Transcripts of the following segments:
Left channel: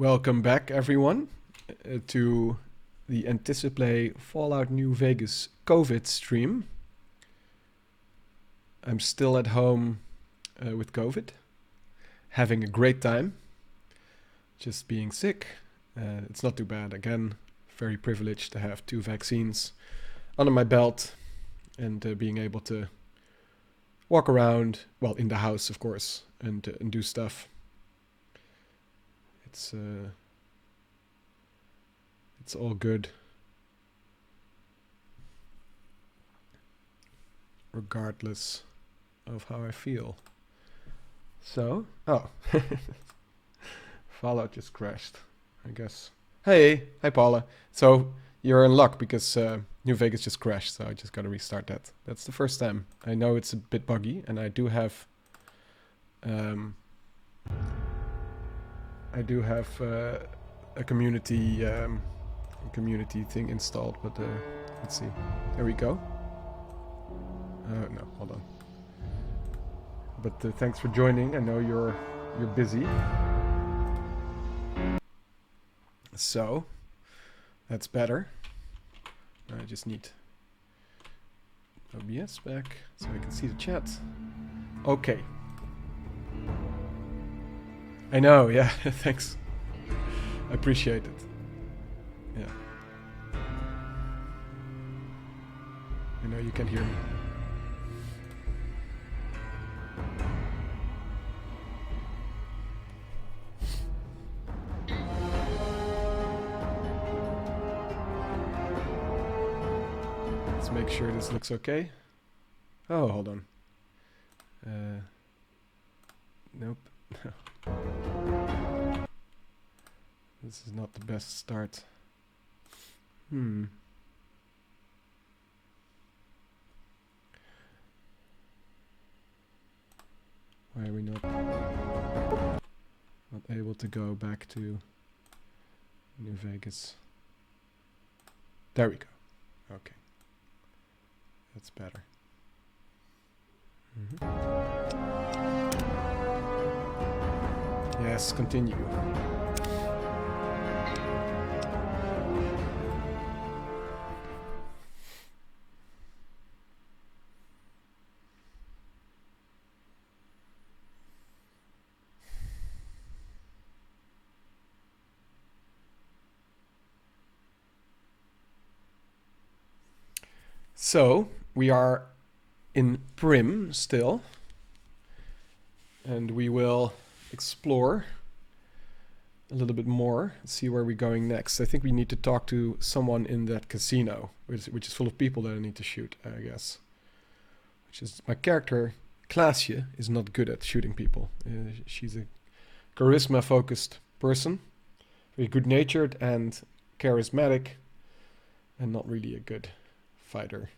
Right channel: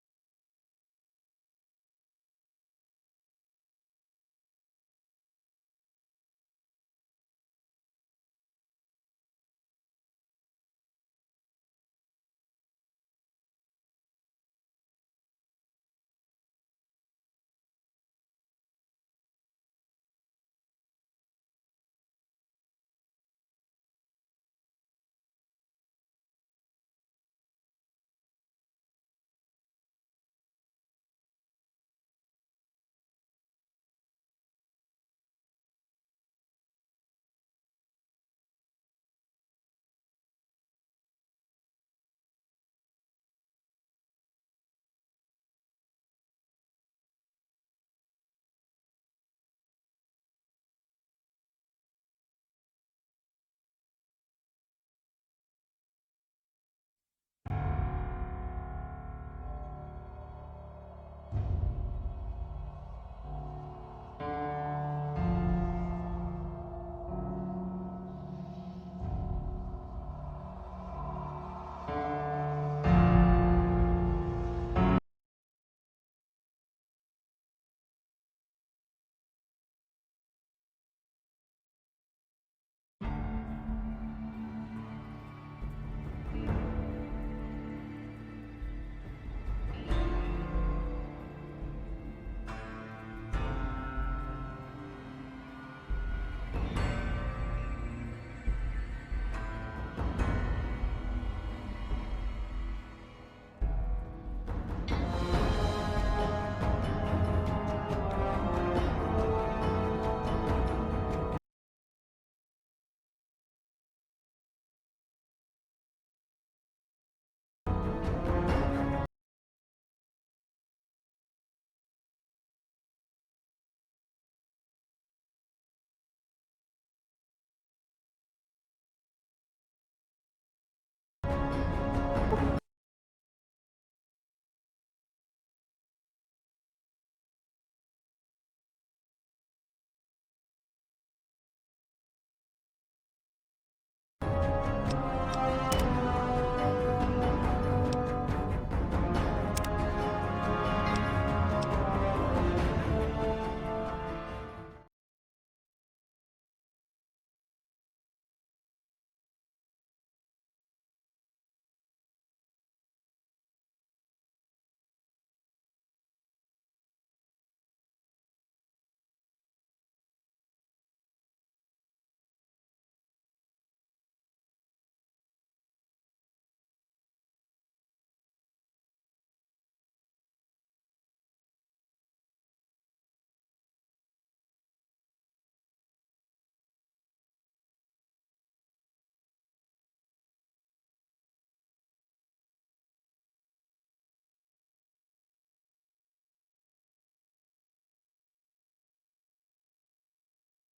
Welcome back, everyone, to the Anticiplay Fallout New Vegas COVID stream. I'm still at home with COVID, having a great time, just being sick. It's not too bad. Again, very privileged to have 2 vaccines under my belt and being able to walk around, well, in the house, of course, and do stuff. It's all good, regardless of how I feel. So, Fallout just crashed, I guess. Hey, hi Paula. So you're in luck because New Vegas just crashed, so I just gotta restart that. That's the first time. I know it's a bit buggy, and I do have a community thing installed, but let's see. There we go. No, hold on. But thanks for joining. I know you're busy. So that's better. I just need OBS back so I can see the chat. Okay. I know, yeah, thanks. I appreciate it. Yeah. I know you can hear me. Let's make sure this looks okay. Oh, hold on. Nope. This is not the best start. Why are we not able to go back to New Vegas? There we go. Okay. That's better. Yes, continue. So, we are in Prim still, and we will explore a little bit more, see where we're going next. I think we need to talk to someone in that casino, which is full of people that I need to shoot, I guess. Which is, my character, Klaasje, is not good at shooting people. She's a charisma-focused person, very good-natured and charismatic, and not really a good fighter.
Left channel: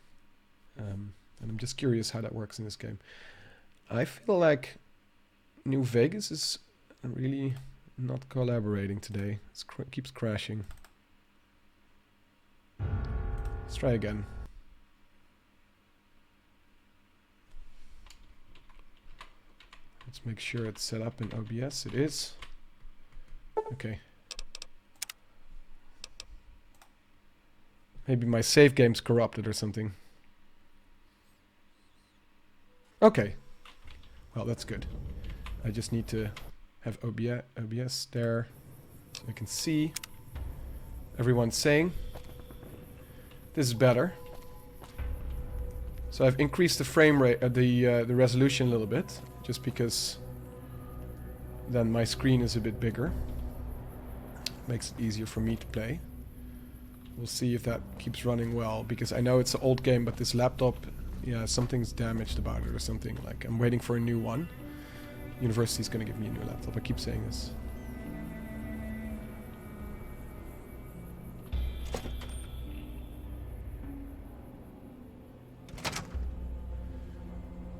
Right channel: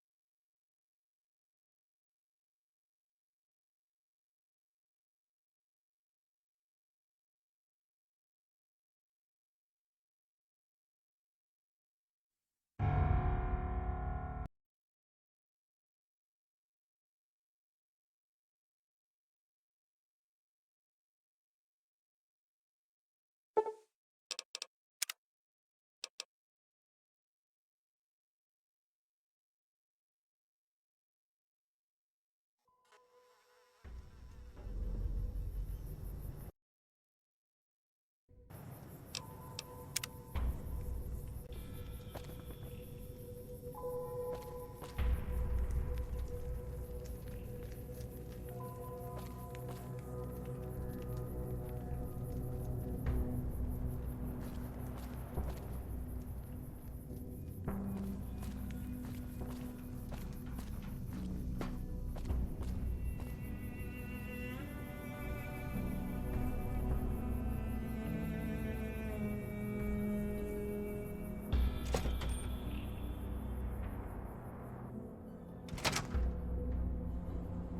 And I'm just curious how that works in this game. I feel like New Vegas is really not collaborating today. It keeps crashing. Let's try again. Let's make sure it's set up in OBS. It is. Okay. Maybe my save game's corrupted or something. Okay. Well, that's good. I just need to have OBS there so I can see everyone's saying. This is better. So I've increased the frame rate, the resolution a little bit, just because then my screen is a bit bigger. Makes it easier for me to play. We'll see if that keeps running well, because I know it's an old game, but this laptop, yeah, something's damaged about it or something. Like, I'm waiting for a new one. University's gonna give me a new laptop. I keep saying this.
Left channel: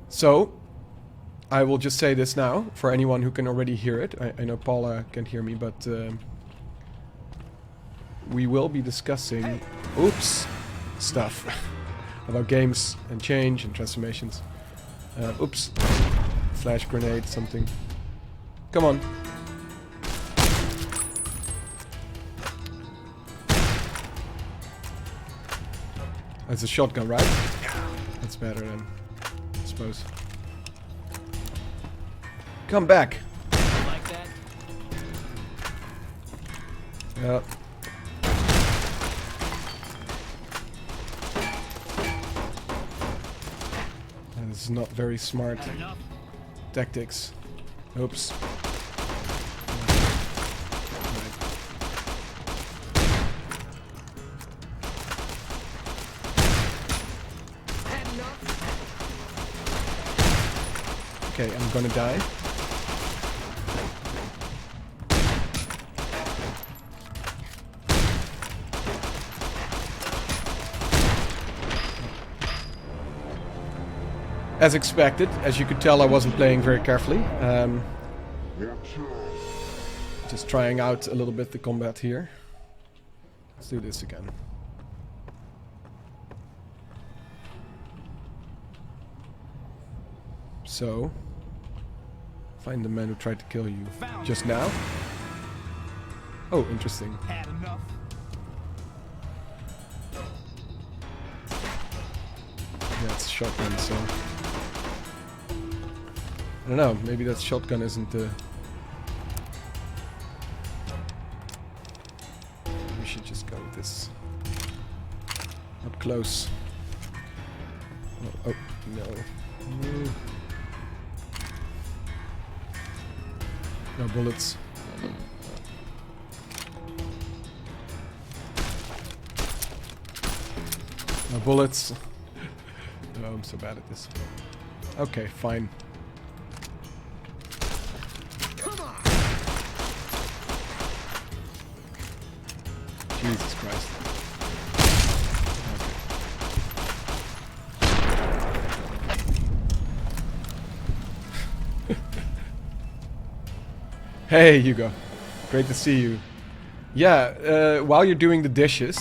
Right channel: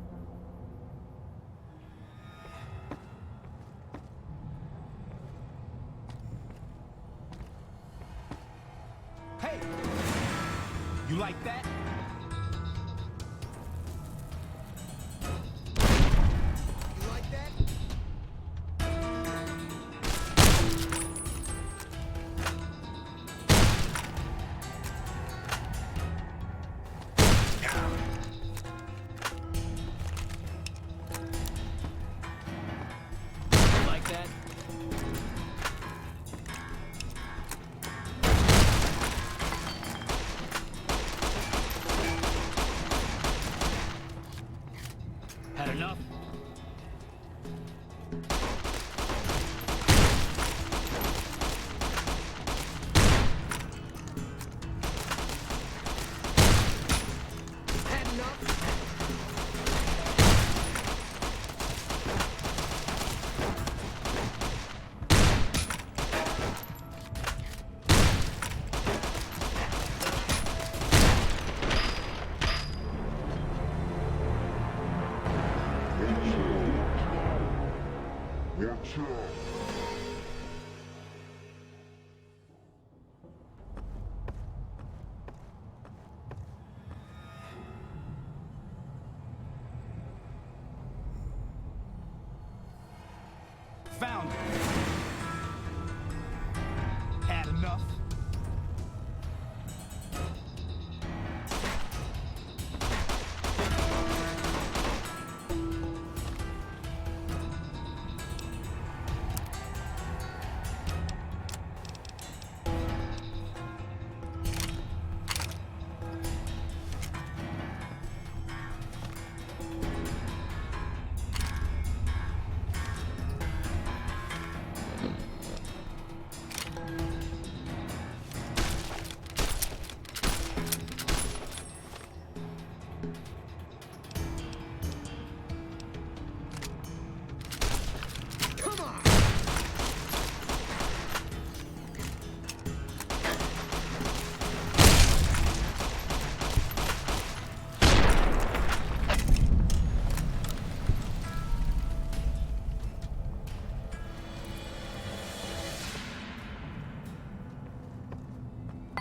So, I will just say this now, for anyone who can already hear it. I know Paula can hear me, but we will be discussing stuff about games and change and transformations. Flash grenade, something. Come on. It's a shotgun, right? That's better then, I suppose. Come back. Like that? Yeah. This is not very smart. Had enough? Tactics. Oops. Okay, I'm gonna die. As expected, as you could tell, I wasn't playing very carefully. Just trying out a little bit the combat here. Let's do this again. So, find the man who tried to kill you just now. Oh, interesting. Had enough? That's shotgun, so I don't know, maybe that shotgun isn't the... We should just go with this. Up close. No, oh, no. No bullets. No bullets. No, I'm so bad at this. Okay, fine. Come on! Jesus Christ. Hey, Hugo. Great to see you. Yeah, while you're doing the dishes...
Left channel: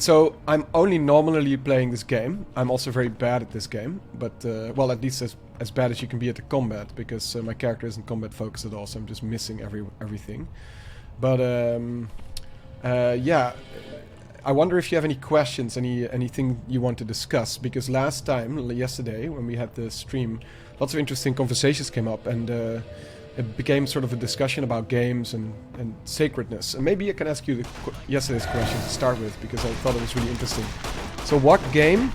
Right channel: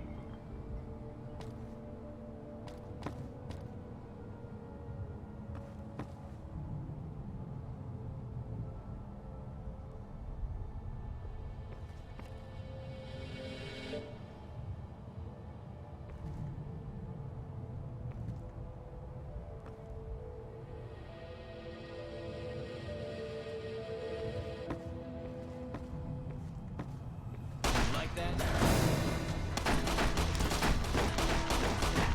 So, I'm only nominally playing this game. I'm also very bad at this game. But, well, at least as bad as you can be at the combat. Because my character isn't combat focused at all. So I'm just missing everything. But, yeah. I wonder if you have any questions, anything you want to discuss. Because last time, yesterday, when we had the stream, lots of interesting conversations came up. And it became sort of a discussion about games and sacredness. And maybe I can ask you yesterday's question to start with, because I thought it was really interesting. So what game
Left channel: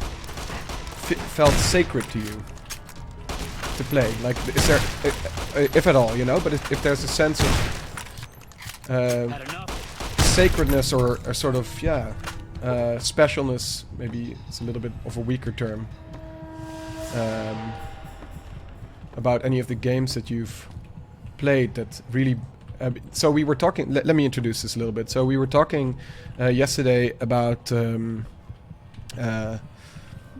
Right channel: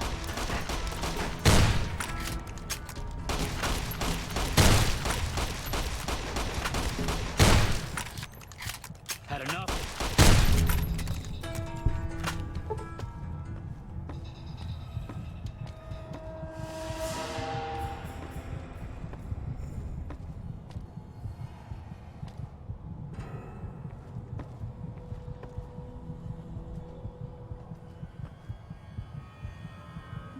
felt sacred to you to play? Like, is there, if at all, you know, but if there's a sense of sacredness or sort of, yeah, specialness, maybe it's a little bit of a weaker term, about any of the games that you've played that really... so we were talking... Let me introduce this a little bit. So we were talking yesterday about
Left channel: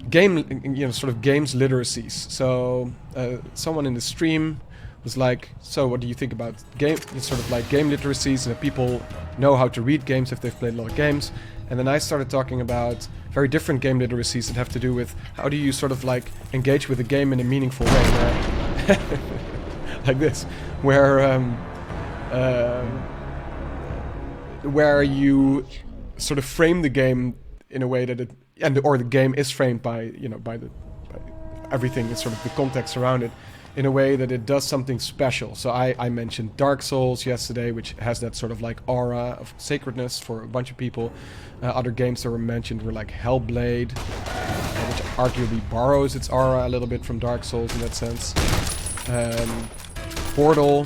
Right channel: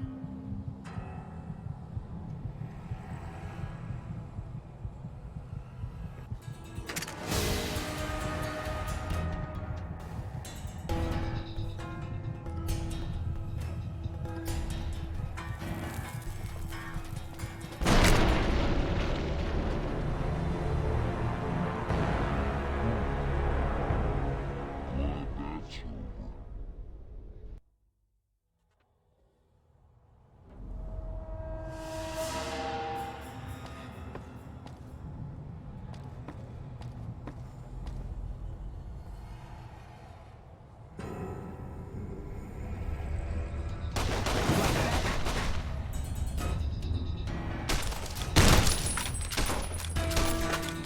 game... You know, sort of games literacies. So someone in the stream was like, so what do you think about game... Sort of like game literacies, that people know how to read games if they've played a lot of games. And then I started talking about very different game literacies that have to do with how do you sort of like engage with a game in a meaningful way. Like this, where you sort of frame the game in a way that it, or the game is framed by, you know, by everything, that's sort of the context around it, in a way that it does something special. So I mentioned Dark Souls yesterday, which has that sort of like aura of sacredness for a bunch of people. Other games that were mentioned were like Hellblade, which arguably borrows its aura a little bit from Dark Souls in that sense. Portal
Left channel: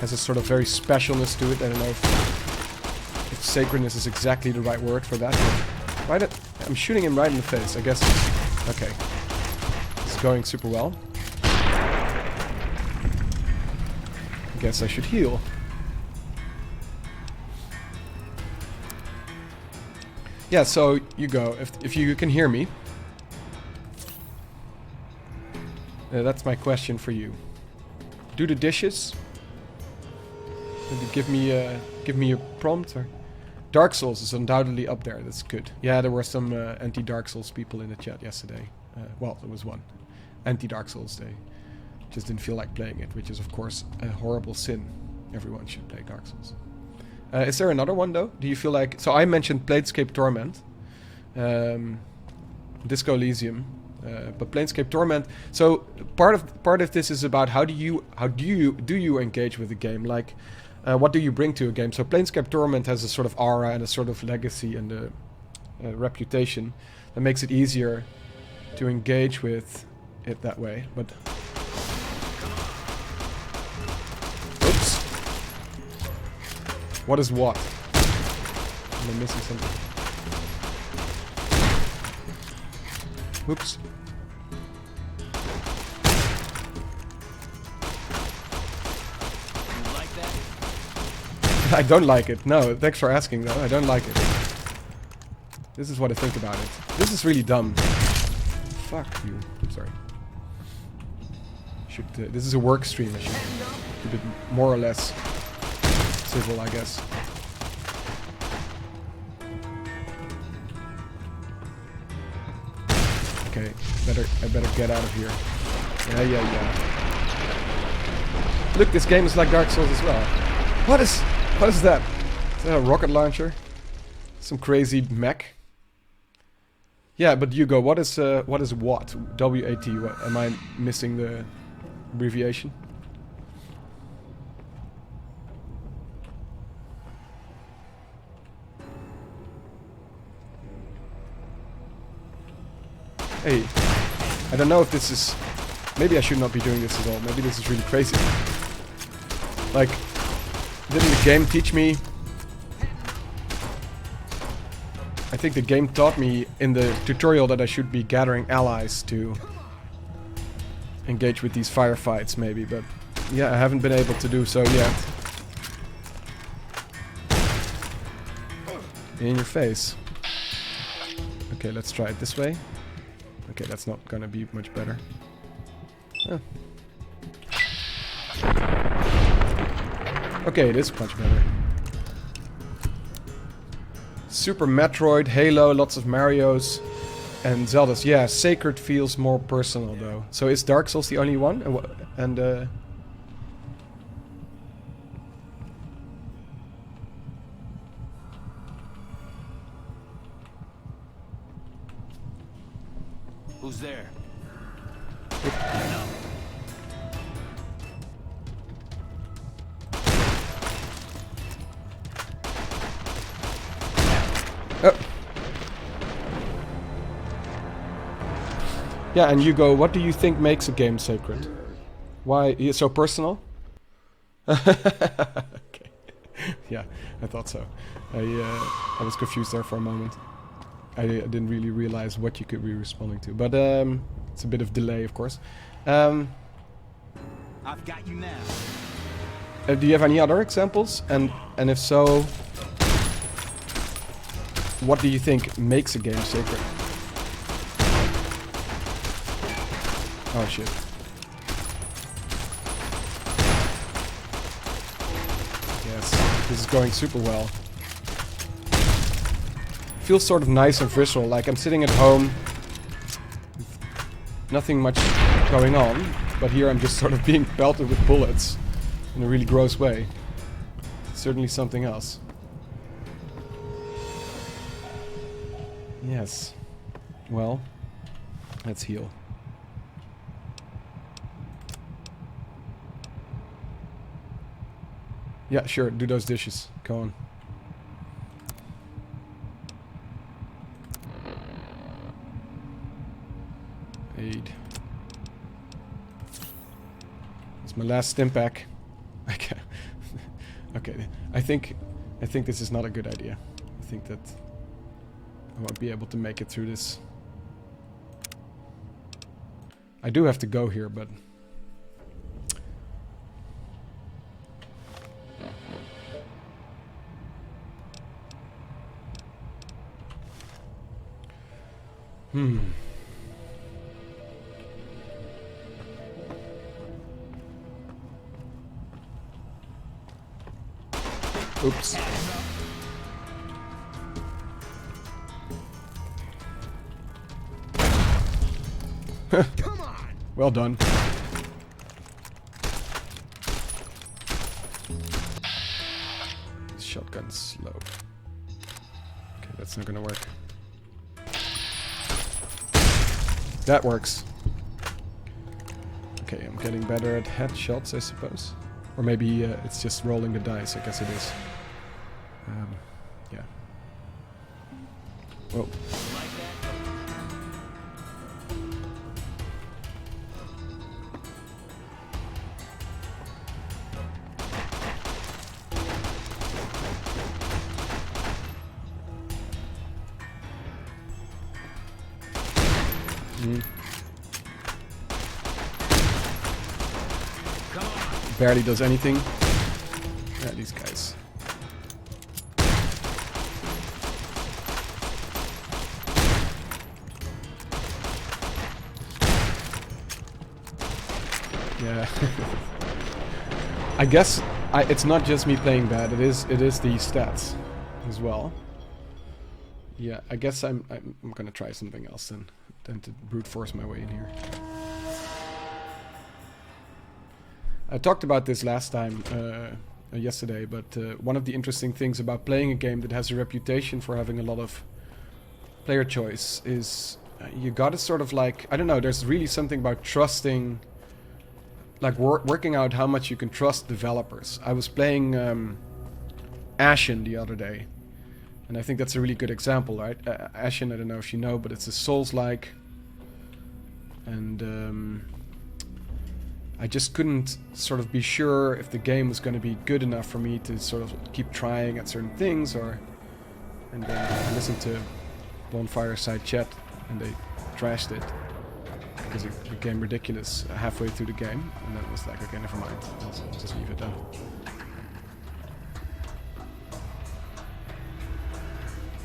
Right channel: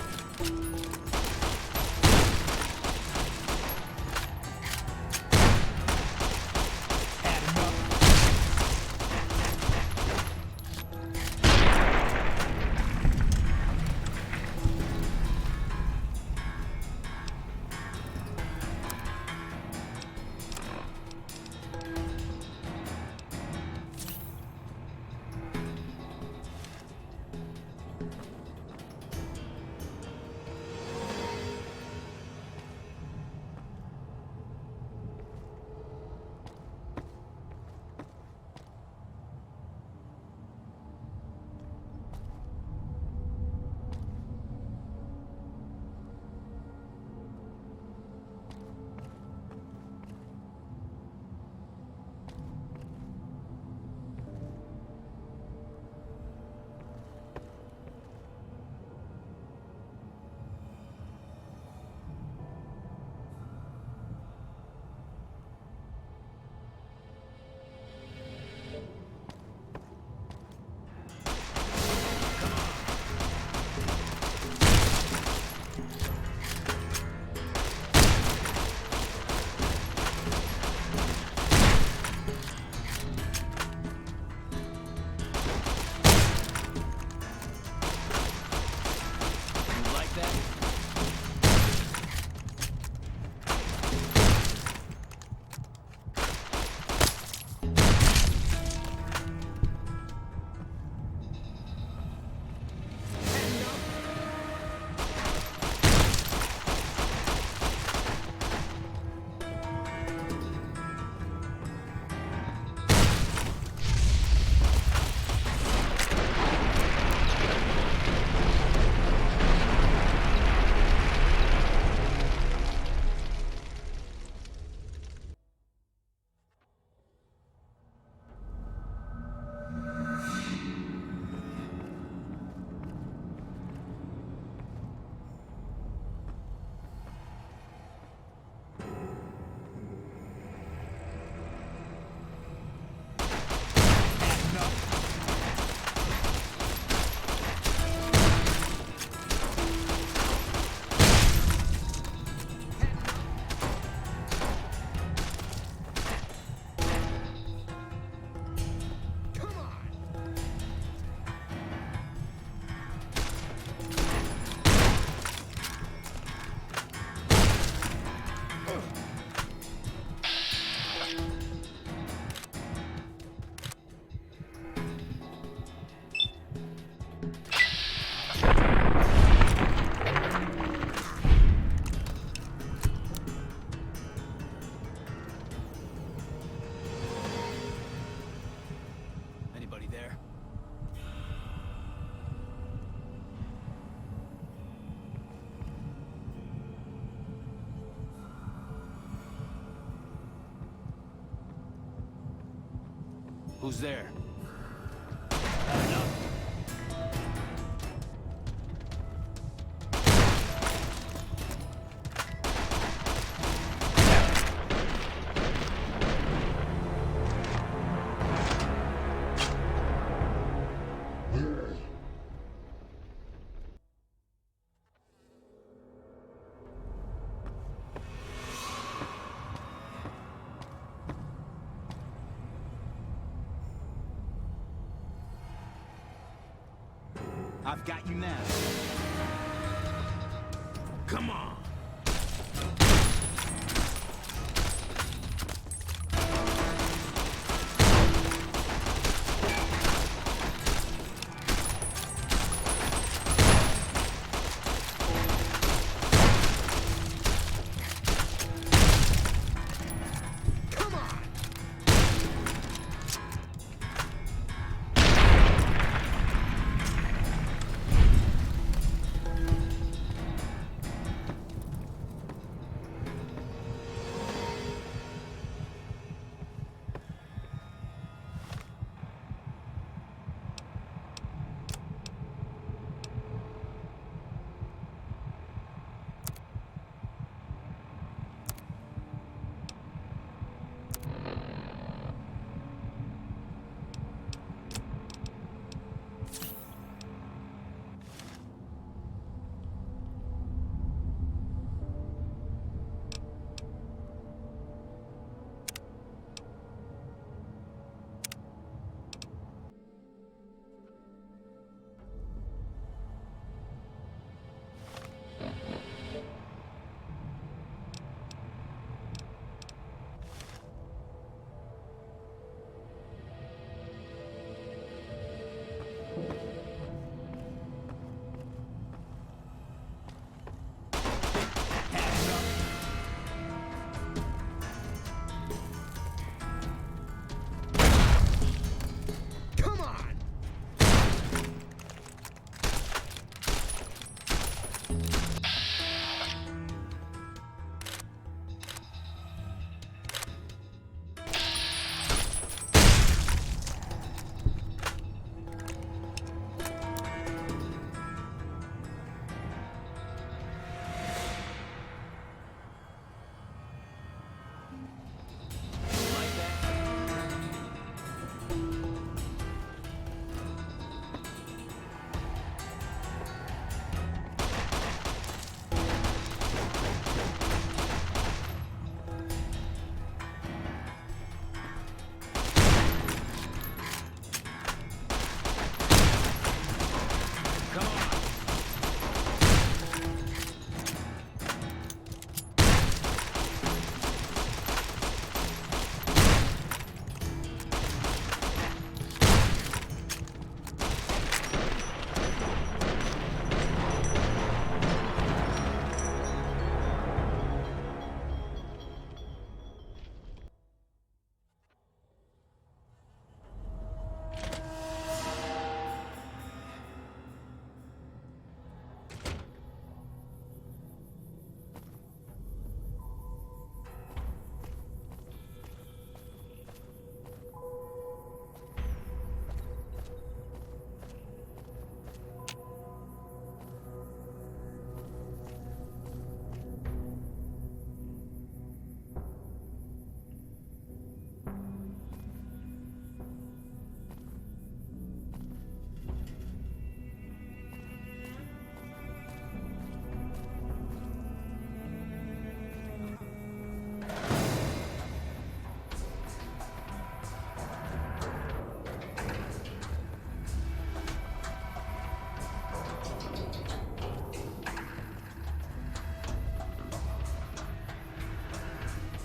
has a sort of very specialness to it. I don't know if sacredness is exactly the right word for that. Right, I'm shooting him right in the face, I guess. Okay. This is going super well. I guess I should heal. Yeah, so you go. If you can hear me. That's my question for you. Do the dishes. Maybe give me a prompt. Or Dark Souls is undoubtedly up there. That's good. Yeah, there were some anti-Dark Souls people in the chat yesterday. Well, there was one. Anti-Dark Souls Day. Just didn't feel like playing it, which is of course a horrible sin. Everyone should play Dark Souls. Is there another one though? Do you feel like... So I mentioned Planescape Torment. Disco Elysium, but Planescape Torment. So part of this is about how do you engage with the game? Like, what do you bring to a game? So Planescape Torment has a sort of aura and a sort of legacy and a reputation that makes it easier to engage with it that way. But oops. What is what? I'm missing something. Oops. You like that? I don't like it. No, thanks for asking though. I don't like it. This is what I think about it. This is really dumb. Fuck you. Sorry. Should, this is a work stream. I should keep it more or less civil, I guess. Okay, I better get out of here. Yeah. Look, this game is like Dark Souls as well. What is that? Is that a rocket launcher? Some crazy mech? Yeah, but Hugo, what is what? W-A-T. Am I missing the abbreviation? Hey, I don't know if this is... Maybe I should not be doing this at all. Maybe this is really crazy. Like, didn't the game teach me... I think the game taught me in the tutorial that I should be gathering allies to engage with these firefights, maybe, but yeah, I haven't been able to do so yet. In your face. Okay, let's try it this way. Okay, that's not gonna be much better. Oh. Okay, it is much better. Super Metroid, Halo, lots of Marios, and Zeldas. Yeah, Sacred feels more personal though. So is Dark Souls the only one? Who's there? Yeah, and Hugo, what do you think makes a game sacred? Why is it so personal? Okay. Yeah, I thought so. I was confused there for a moment. I didn't really realize what you could be responding to, but it's a bit of delay, of course. I've got you now. Do you have any other examples? And if so, what do you think makes a game sacred? Oh shit. Yes, this is going super well. Feels sort of nice and visceral, like I'm sitting at home, nothing much going on, but here I'm just sort of being pelted with bullets in a really gross way. Certainly something else. Yes. Well, let's heal. Yeah, sure, do those dishes. Go on. Aid. It's my last stim pack. Okay. Okay. I think this is not a good idea. I think that I won't be able to make it through this. I do have to go here, but Oops. Come on. Well done. This shotgun's slow. Okay, that's not gonna work. That works. Okay, I'm getting better at headshots, I suppose. Or maybe it's just rolling the dice, I guess it is. Yeah. Whoa. Like that? Come on. Barely does anything. Yeah, these guys. Yeah. I guess it's not just me playing bad. It is the stats as well. Yeah, I guess I'm gonna try something else than to brute force my way in here. I talked about this last time, yesterday, but one of the interesting things about playing a game that has a reputation for having a lot of player choice is you gotta sort of like, I don't know, there's really something about trusting, like working out how much you can trust developers. I was playing Ashen the other day, and I think that's a really good example, right? Ashen, I don't know if you know, but it's a Souls-like, and I just couldn't sort of be sure if the game was going to be good enough for me to sort of keep trying at certain things, and then I listened to Bonfire Side Chat, and they trashed it because it became ridiculous halfway through the game, and then I was like, okay, never mind, just leave it alone.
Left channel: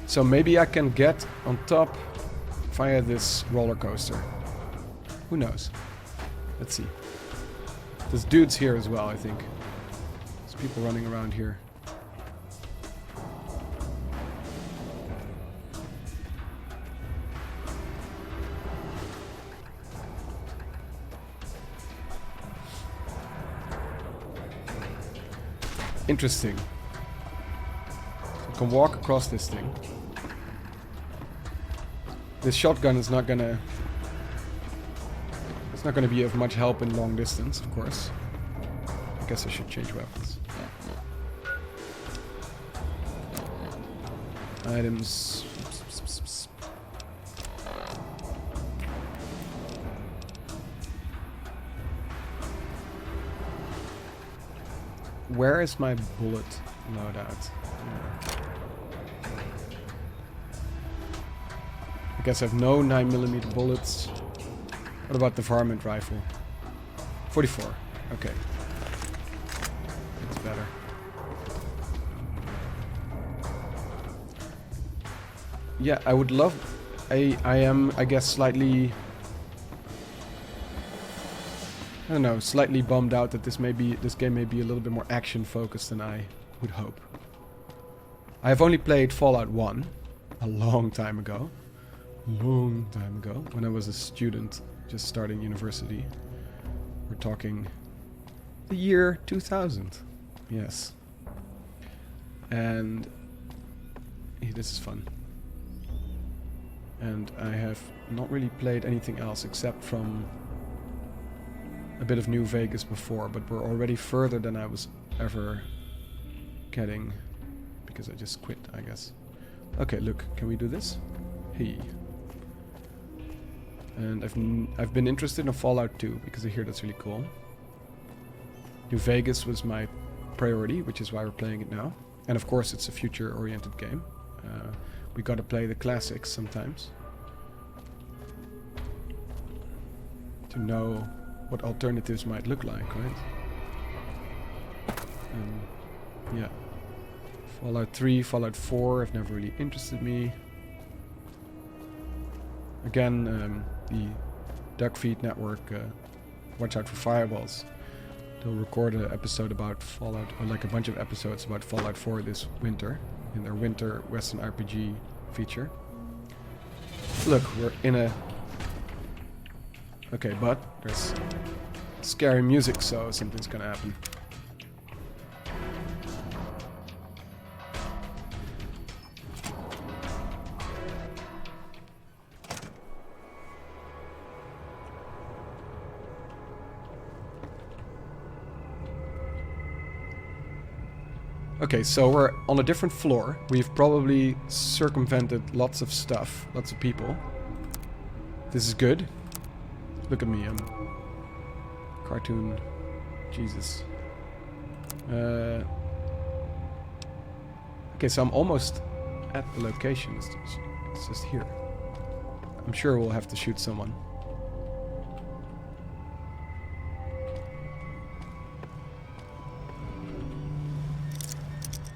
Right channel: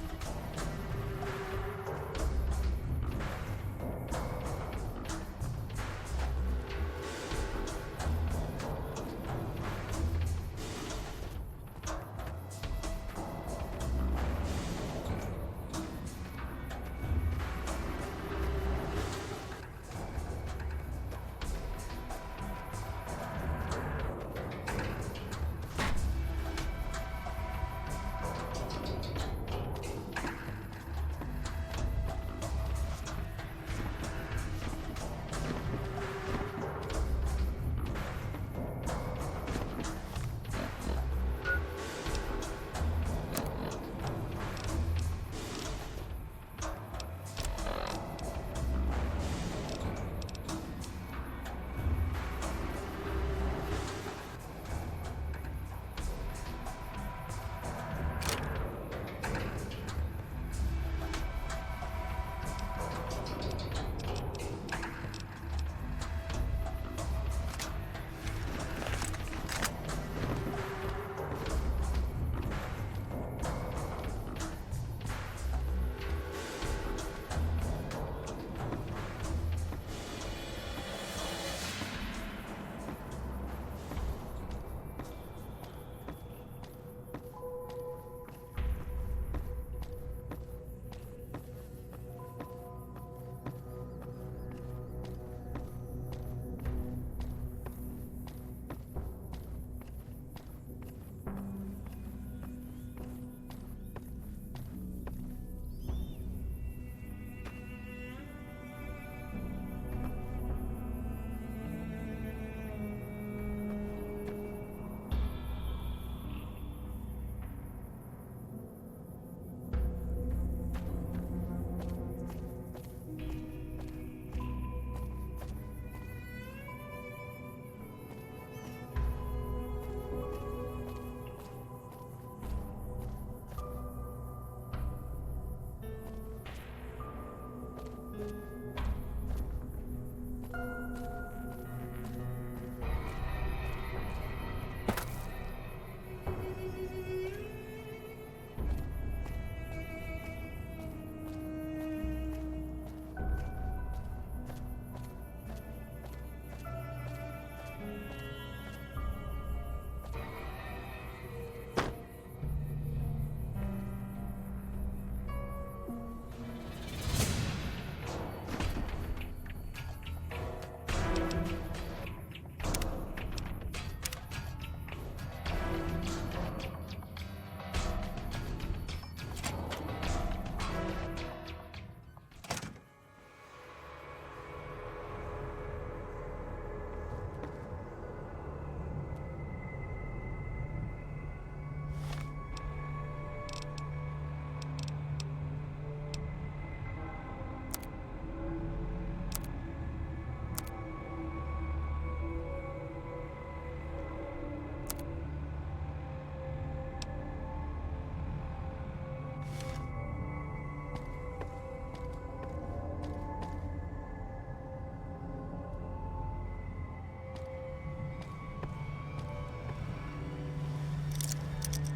So maybe I can get on top via this roller coaster. Who knows? Let's see. There's dudes here as well, I think. There's people running around here. Interesting. I can walk across this thing. This shotgun is not gonna... It's not gonna be of much help in long distance, of course. I guess I should change weapons. Items. Where is my bullet loadout? I guess I have no 9mm bullets. What about the varmint rifle? 44. Okay. That's better. Yeah, I would love... I am, I guess, slightly... I don't know, slightly bummed out that this game may be a little bit more action focused than I would hope. I have only played Fallout 1 a long time ago. When I was a student just starting university. We're talking the year 2000. Yes. And this is fun. And I have not really played anything else except from a bit of New Vegas before, but we're already further than I was ever getting because I just quit, I guess. Okay, look, can we do this? Hey. And I've been interested in Fallout 2 because I hear that's really cool. New Vegas was my priority, which is why we're playing it now. And of course, it's a future-oriented game. We gotta play the classics sometimes to know what alternatives might look like, right? Yeah. Fallout 3, Fallout 4 have never really interested me. Again, the Duckfeed network, watch out for firewalls. They'll record an episode about Fallout, or like a bunch of episodes about Fallout 4 this winter, in their winter Western RPG feature. Look, we're in a... Okay, but there's scary music, so something's gonna happen. Okay, so we're on a different floor. We've probably circumvented lots of stuff, lots of people. This is good. Look at me, I'm cartoon. Jesus. Okay, so I'm almost at the location. It's just here. I'm sure we'll have to shoot someone.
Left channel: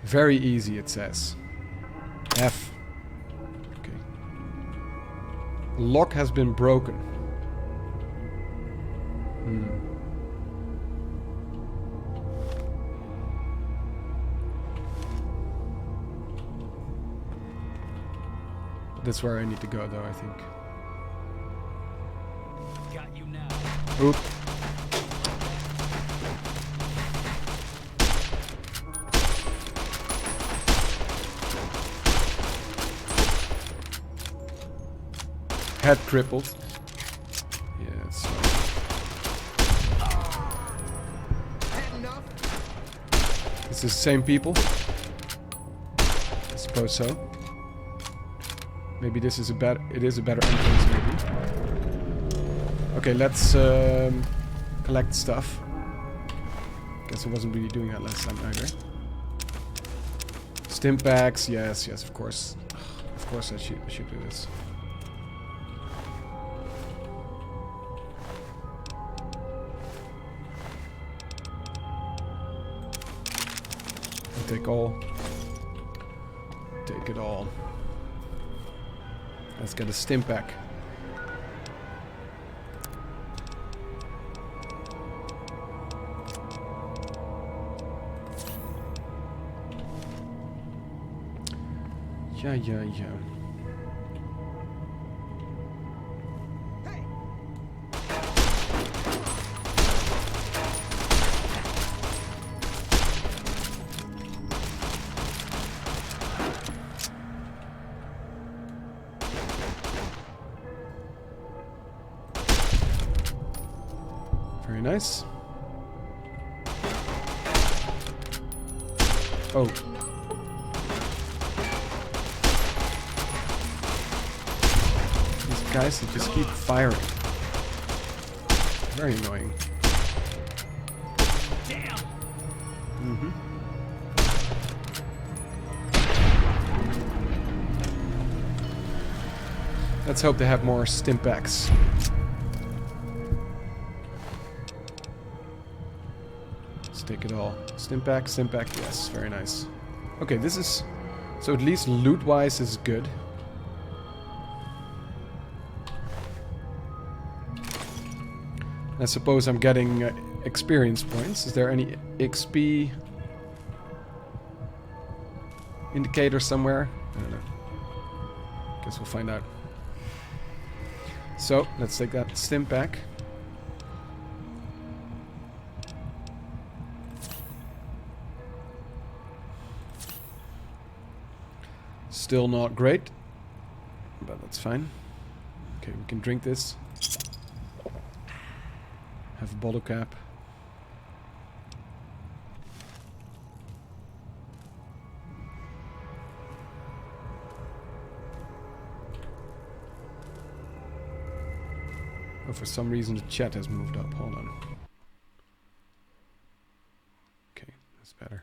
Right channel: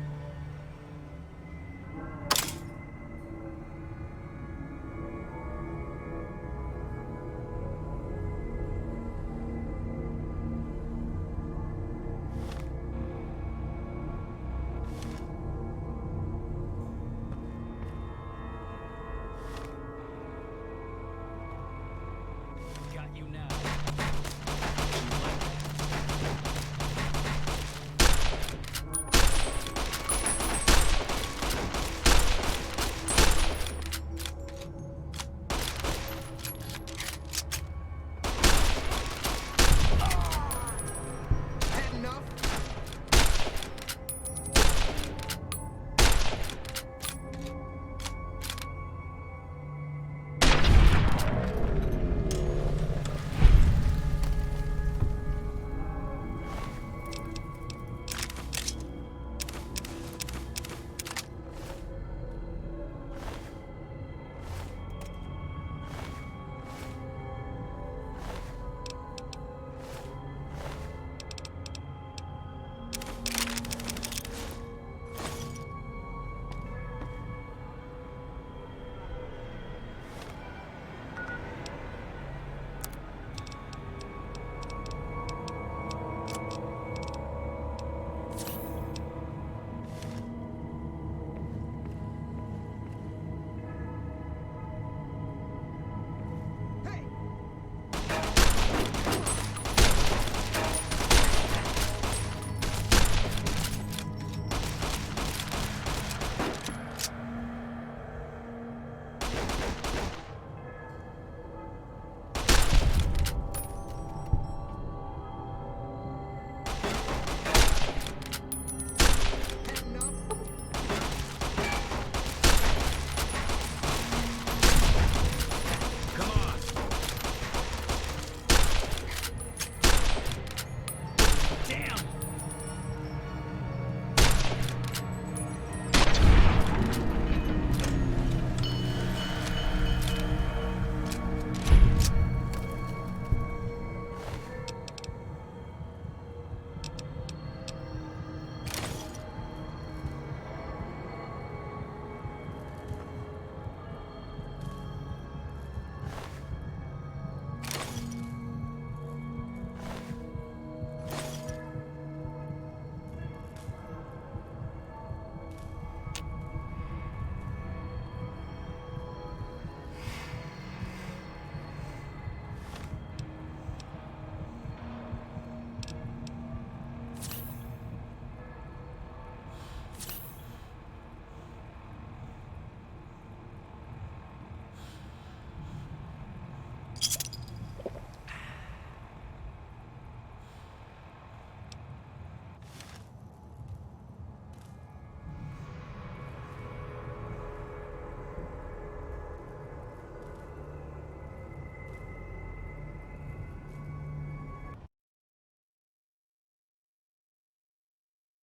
Very easy, it says. F. Okay. Lock has been broken. That's where I need to go, though, I think. Got you now. Oop. Head crippled. Yes. It's the same people. I suppose so. Maybe this is a better. It is a better. Okay, let's collect stuff. Guess I wasn't really doing that last time either. Stim packs, yes, of course. Of course, I should do this. Take all. Take it all. Let's get a stim pack. Yeah. Hey. Very nice. Oh. Guys, they just keep firing. Very annoying. Damn. Let's hope they have more stim packs. Let's take it all. Stim pack, yes, very nice. Okay, this is... So at least loot-wise is good. I suppose I'm getting experience points. Is there any XP indicator somewhere? I don't know. Guess we'll find out. So, let's take that stim pack. Still not great, but that's fine. Okay, we can drink this. Have a bottle cap. Oh, for some reason the chat has moved up. Hold on. Okay, that's better.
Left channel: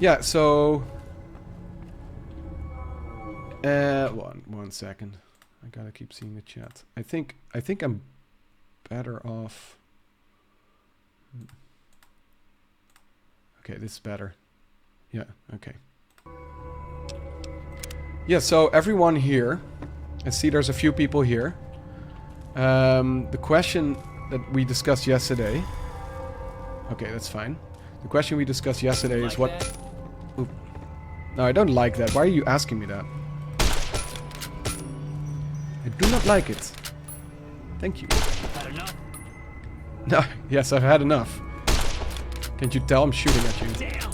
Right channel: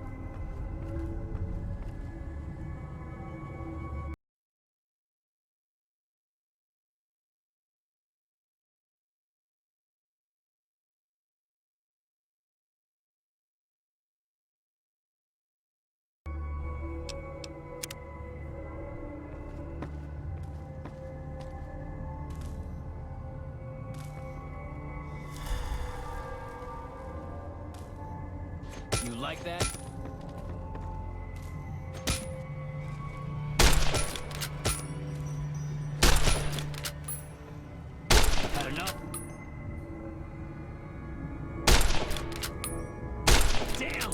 Yeah, so one second. I gotta keep seeing the chat. I think I'm better off. Okay, this is better. Yeah, okay. Yeah, so everyone here, I see there's a few people here. The question that we discussed yesterday. Okay, that's fine. The question we discussed yesterday is what... That? No, I don't like that. Why are you asking me that? I do not like it. Thank you. Had enough? No, yes, I've had enough. Can't you tell I'm shooting at you? Damn!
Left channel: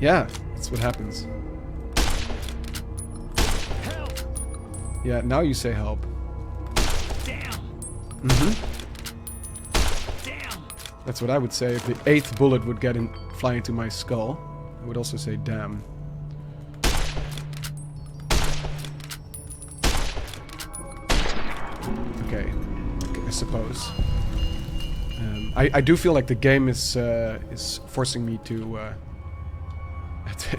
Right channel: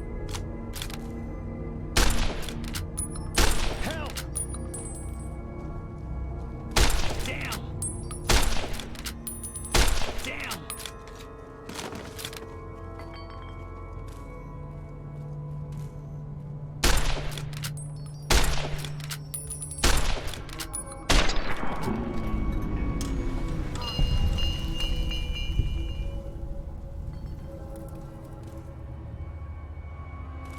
Yeah, that's what happens. Yeah, now you say help. Damn. Damn. That's what I would say. If the 8th bullet would fly into my skull, I would also say damn. Okay, I suppose. I do feel like the game is forcing me to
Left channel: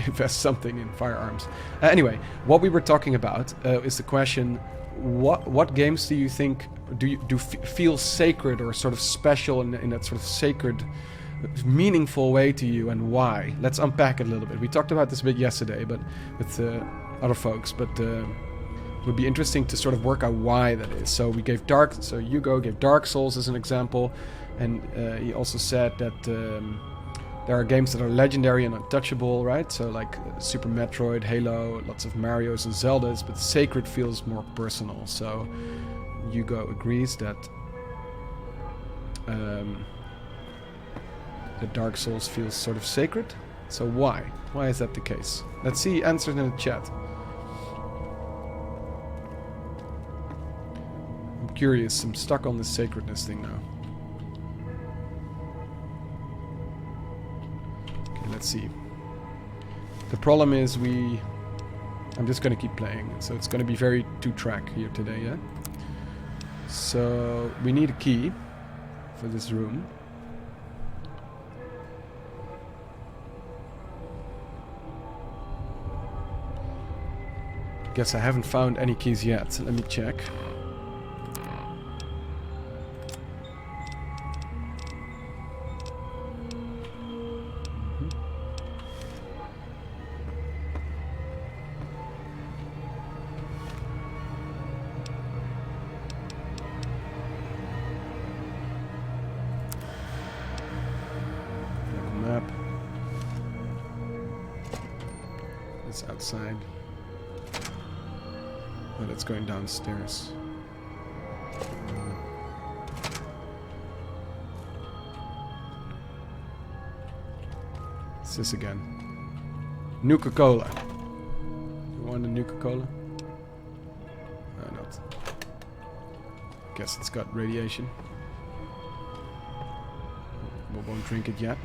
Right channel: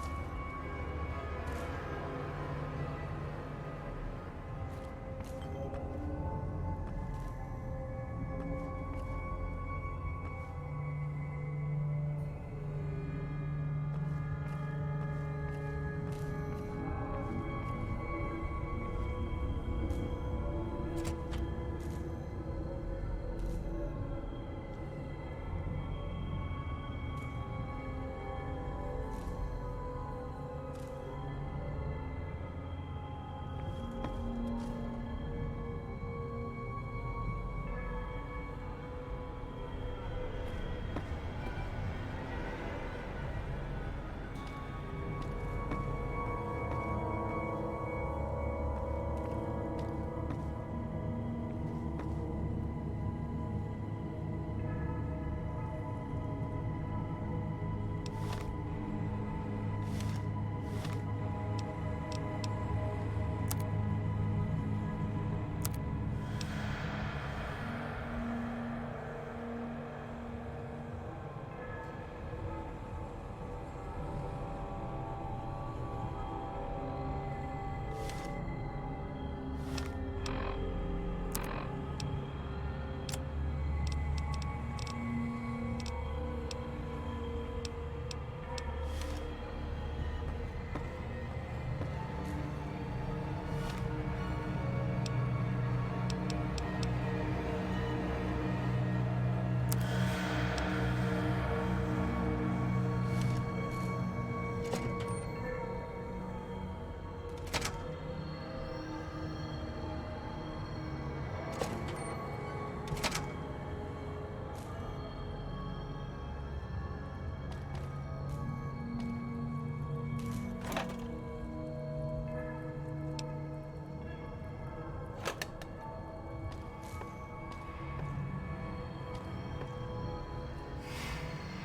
invest something in firearms. Anyway, what we were talking about is the question: what games do you think feel sacred or sort of special in that sort of sacred, meaningful way to you, and why? Let's unpack it a little bit. We talked about this a bit yesterday, but with other folks. But it would be interesting to sort of work out why that is. So we gave Hugo gave Dark Souls as an example, and he also said that. There are games that are legendary and untouchable, right? So like Super Metroid, Halo, lots of Marios and Zeldas, but sacred feels more personal. So Hugo agrees that Dark Souls feels sort of sacred. So why? Why is that the case? Let's see answers in the chat. I'm curious. I'm stuck on this sacredness thing now. Let's see. The problem is I'm just gonna keep playing, so it's gonna be very two-track here today, yeah? So we need a key for this room. Guess I haven't found any keys yet, so let me check. Outside. Oh, it's going downstairs. What's this again? Nuka-Cola. You want a Nuka-Cola? No, not. Guess it's got radiation. We won't drink it yet.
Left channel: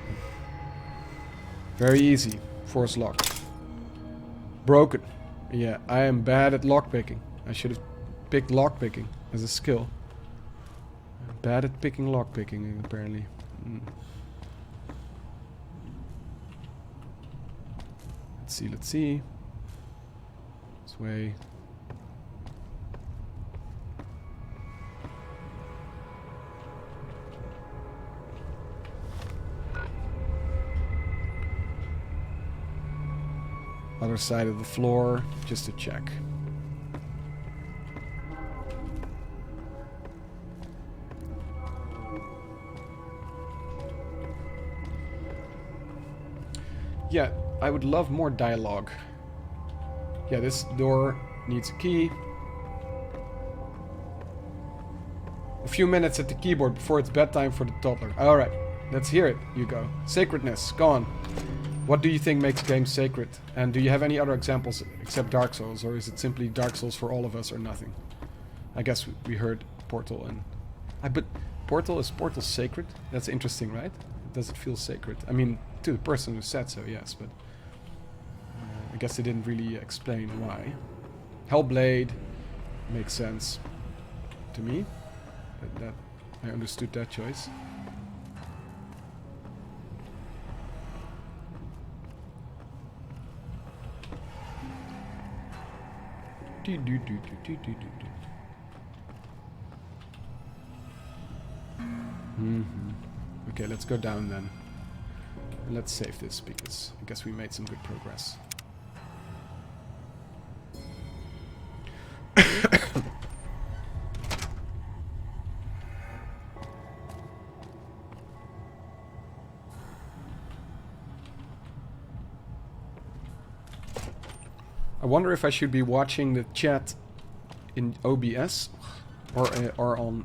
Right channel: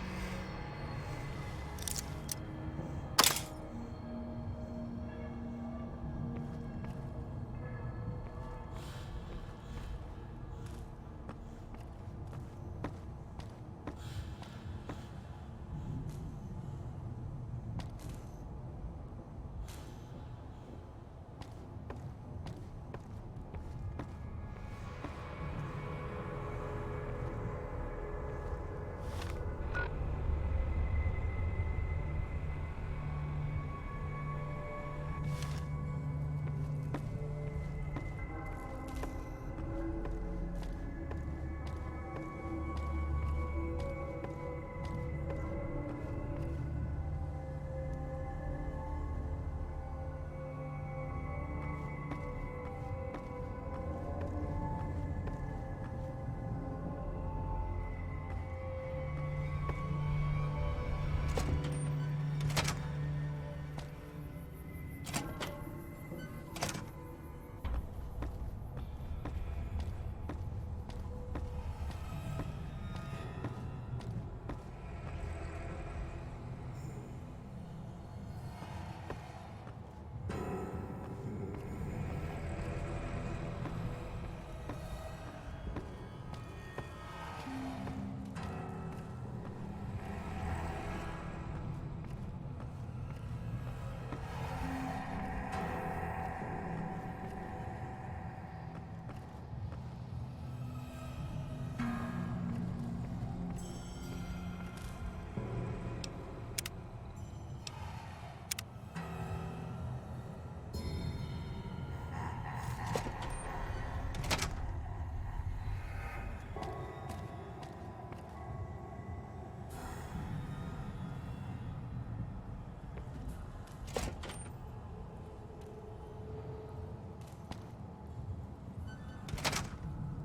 Very easy. Force lock. Broken. Yeah, I am bad at lockpicking. I should have picked lockpicking as a skill. I'm bad at picking lockpicking, apparently. Let's see. This way. Other side of the floor, just to check. Yeah, I would love more dialogue. Yeah, this door needs a key. A few minutes at the keyboard before it's bedtime for the toddler. Alright, let's hear it, Hugo. Sacredness, go on. What do you think makes games sacred? And do you have any other examples except Dark Souls? Or is it simply Dark Souls for all of us or nothing? I guess we heard Portal and... but Portal sacred? That's interesting, right? Does it feel sacred? I mean, to the person who said so, yes, but... I guess they didn't really explain why. Hellblade makes sense to me. That I understood that choice. Okay, let's go down then. Let's save this because I guess we made some good progress. I wonder if I should be watching the chat in OBS or on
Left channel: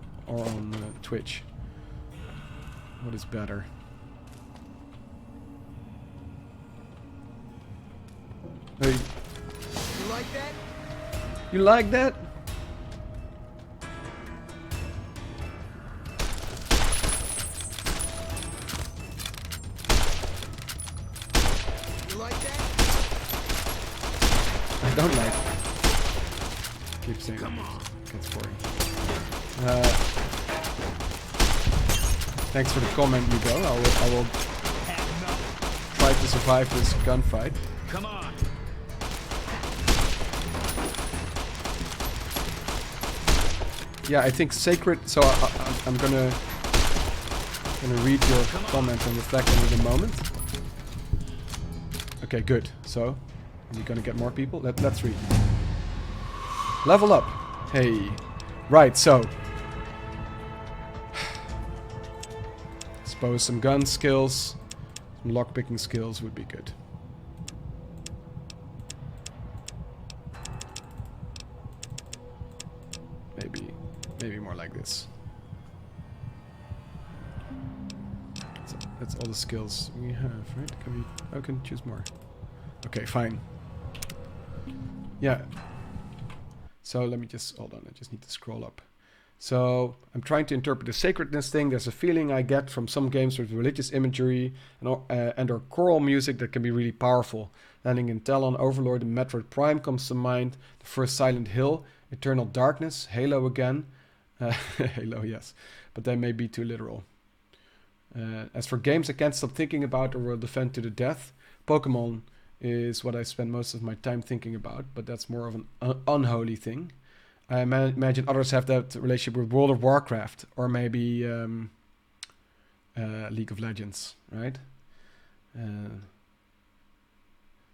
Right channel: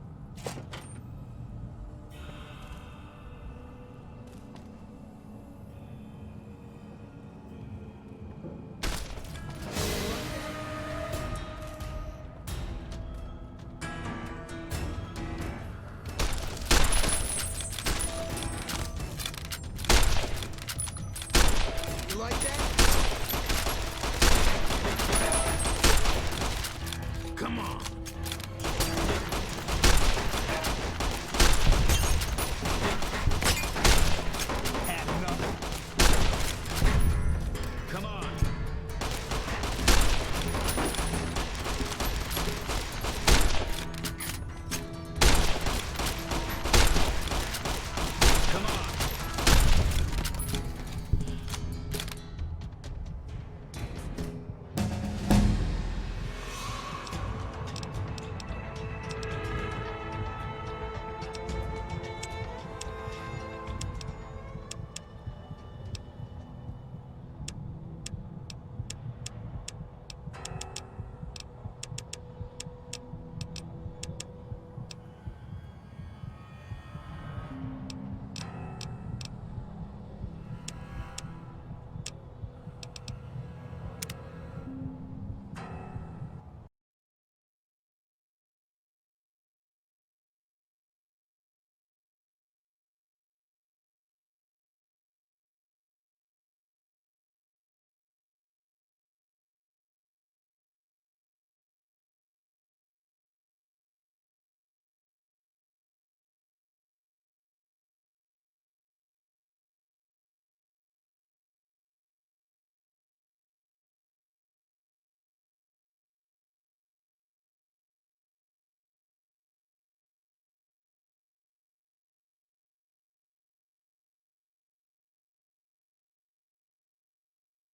Twitch. What is better? Hey. You like that? You like that? That's boring. Thanks for the comment, Nico. I will try to survive this gunfight. Come on. Yeah, I think sacred. So I'm gonna read your comments and reflections in a moment. Okay, good. So I'm gonna get more people. Let's read. Level up. Hey. Right. So. Suppose some gun skills, some lockpicking skills would be good. Maybe more like this. That's all the skills we have, right? I can choose more. Okay, fine. Yeah. So let me just hold on. I just need to scroll up. So I'm trying to interpret the sacredness thing. There's a feeling I get from some games with religious imagery and or choral music that can be really powerful. Landing in Talon, Overlord, and Metroid Prime comes to mind. The first Silent Hill, Eternal Darkness, Halo again. Halo, yes. But they may be too literal. As for games I can't stop thinking about or will defend to the death, Pokemon is what I spend most of my time thinking about, but that's more of an unholy thing. I imagine others have that relationship with World of Warcraft or maybe League of Legends, right?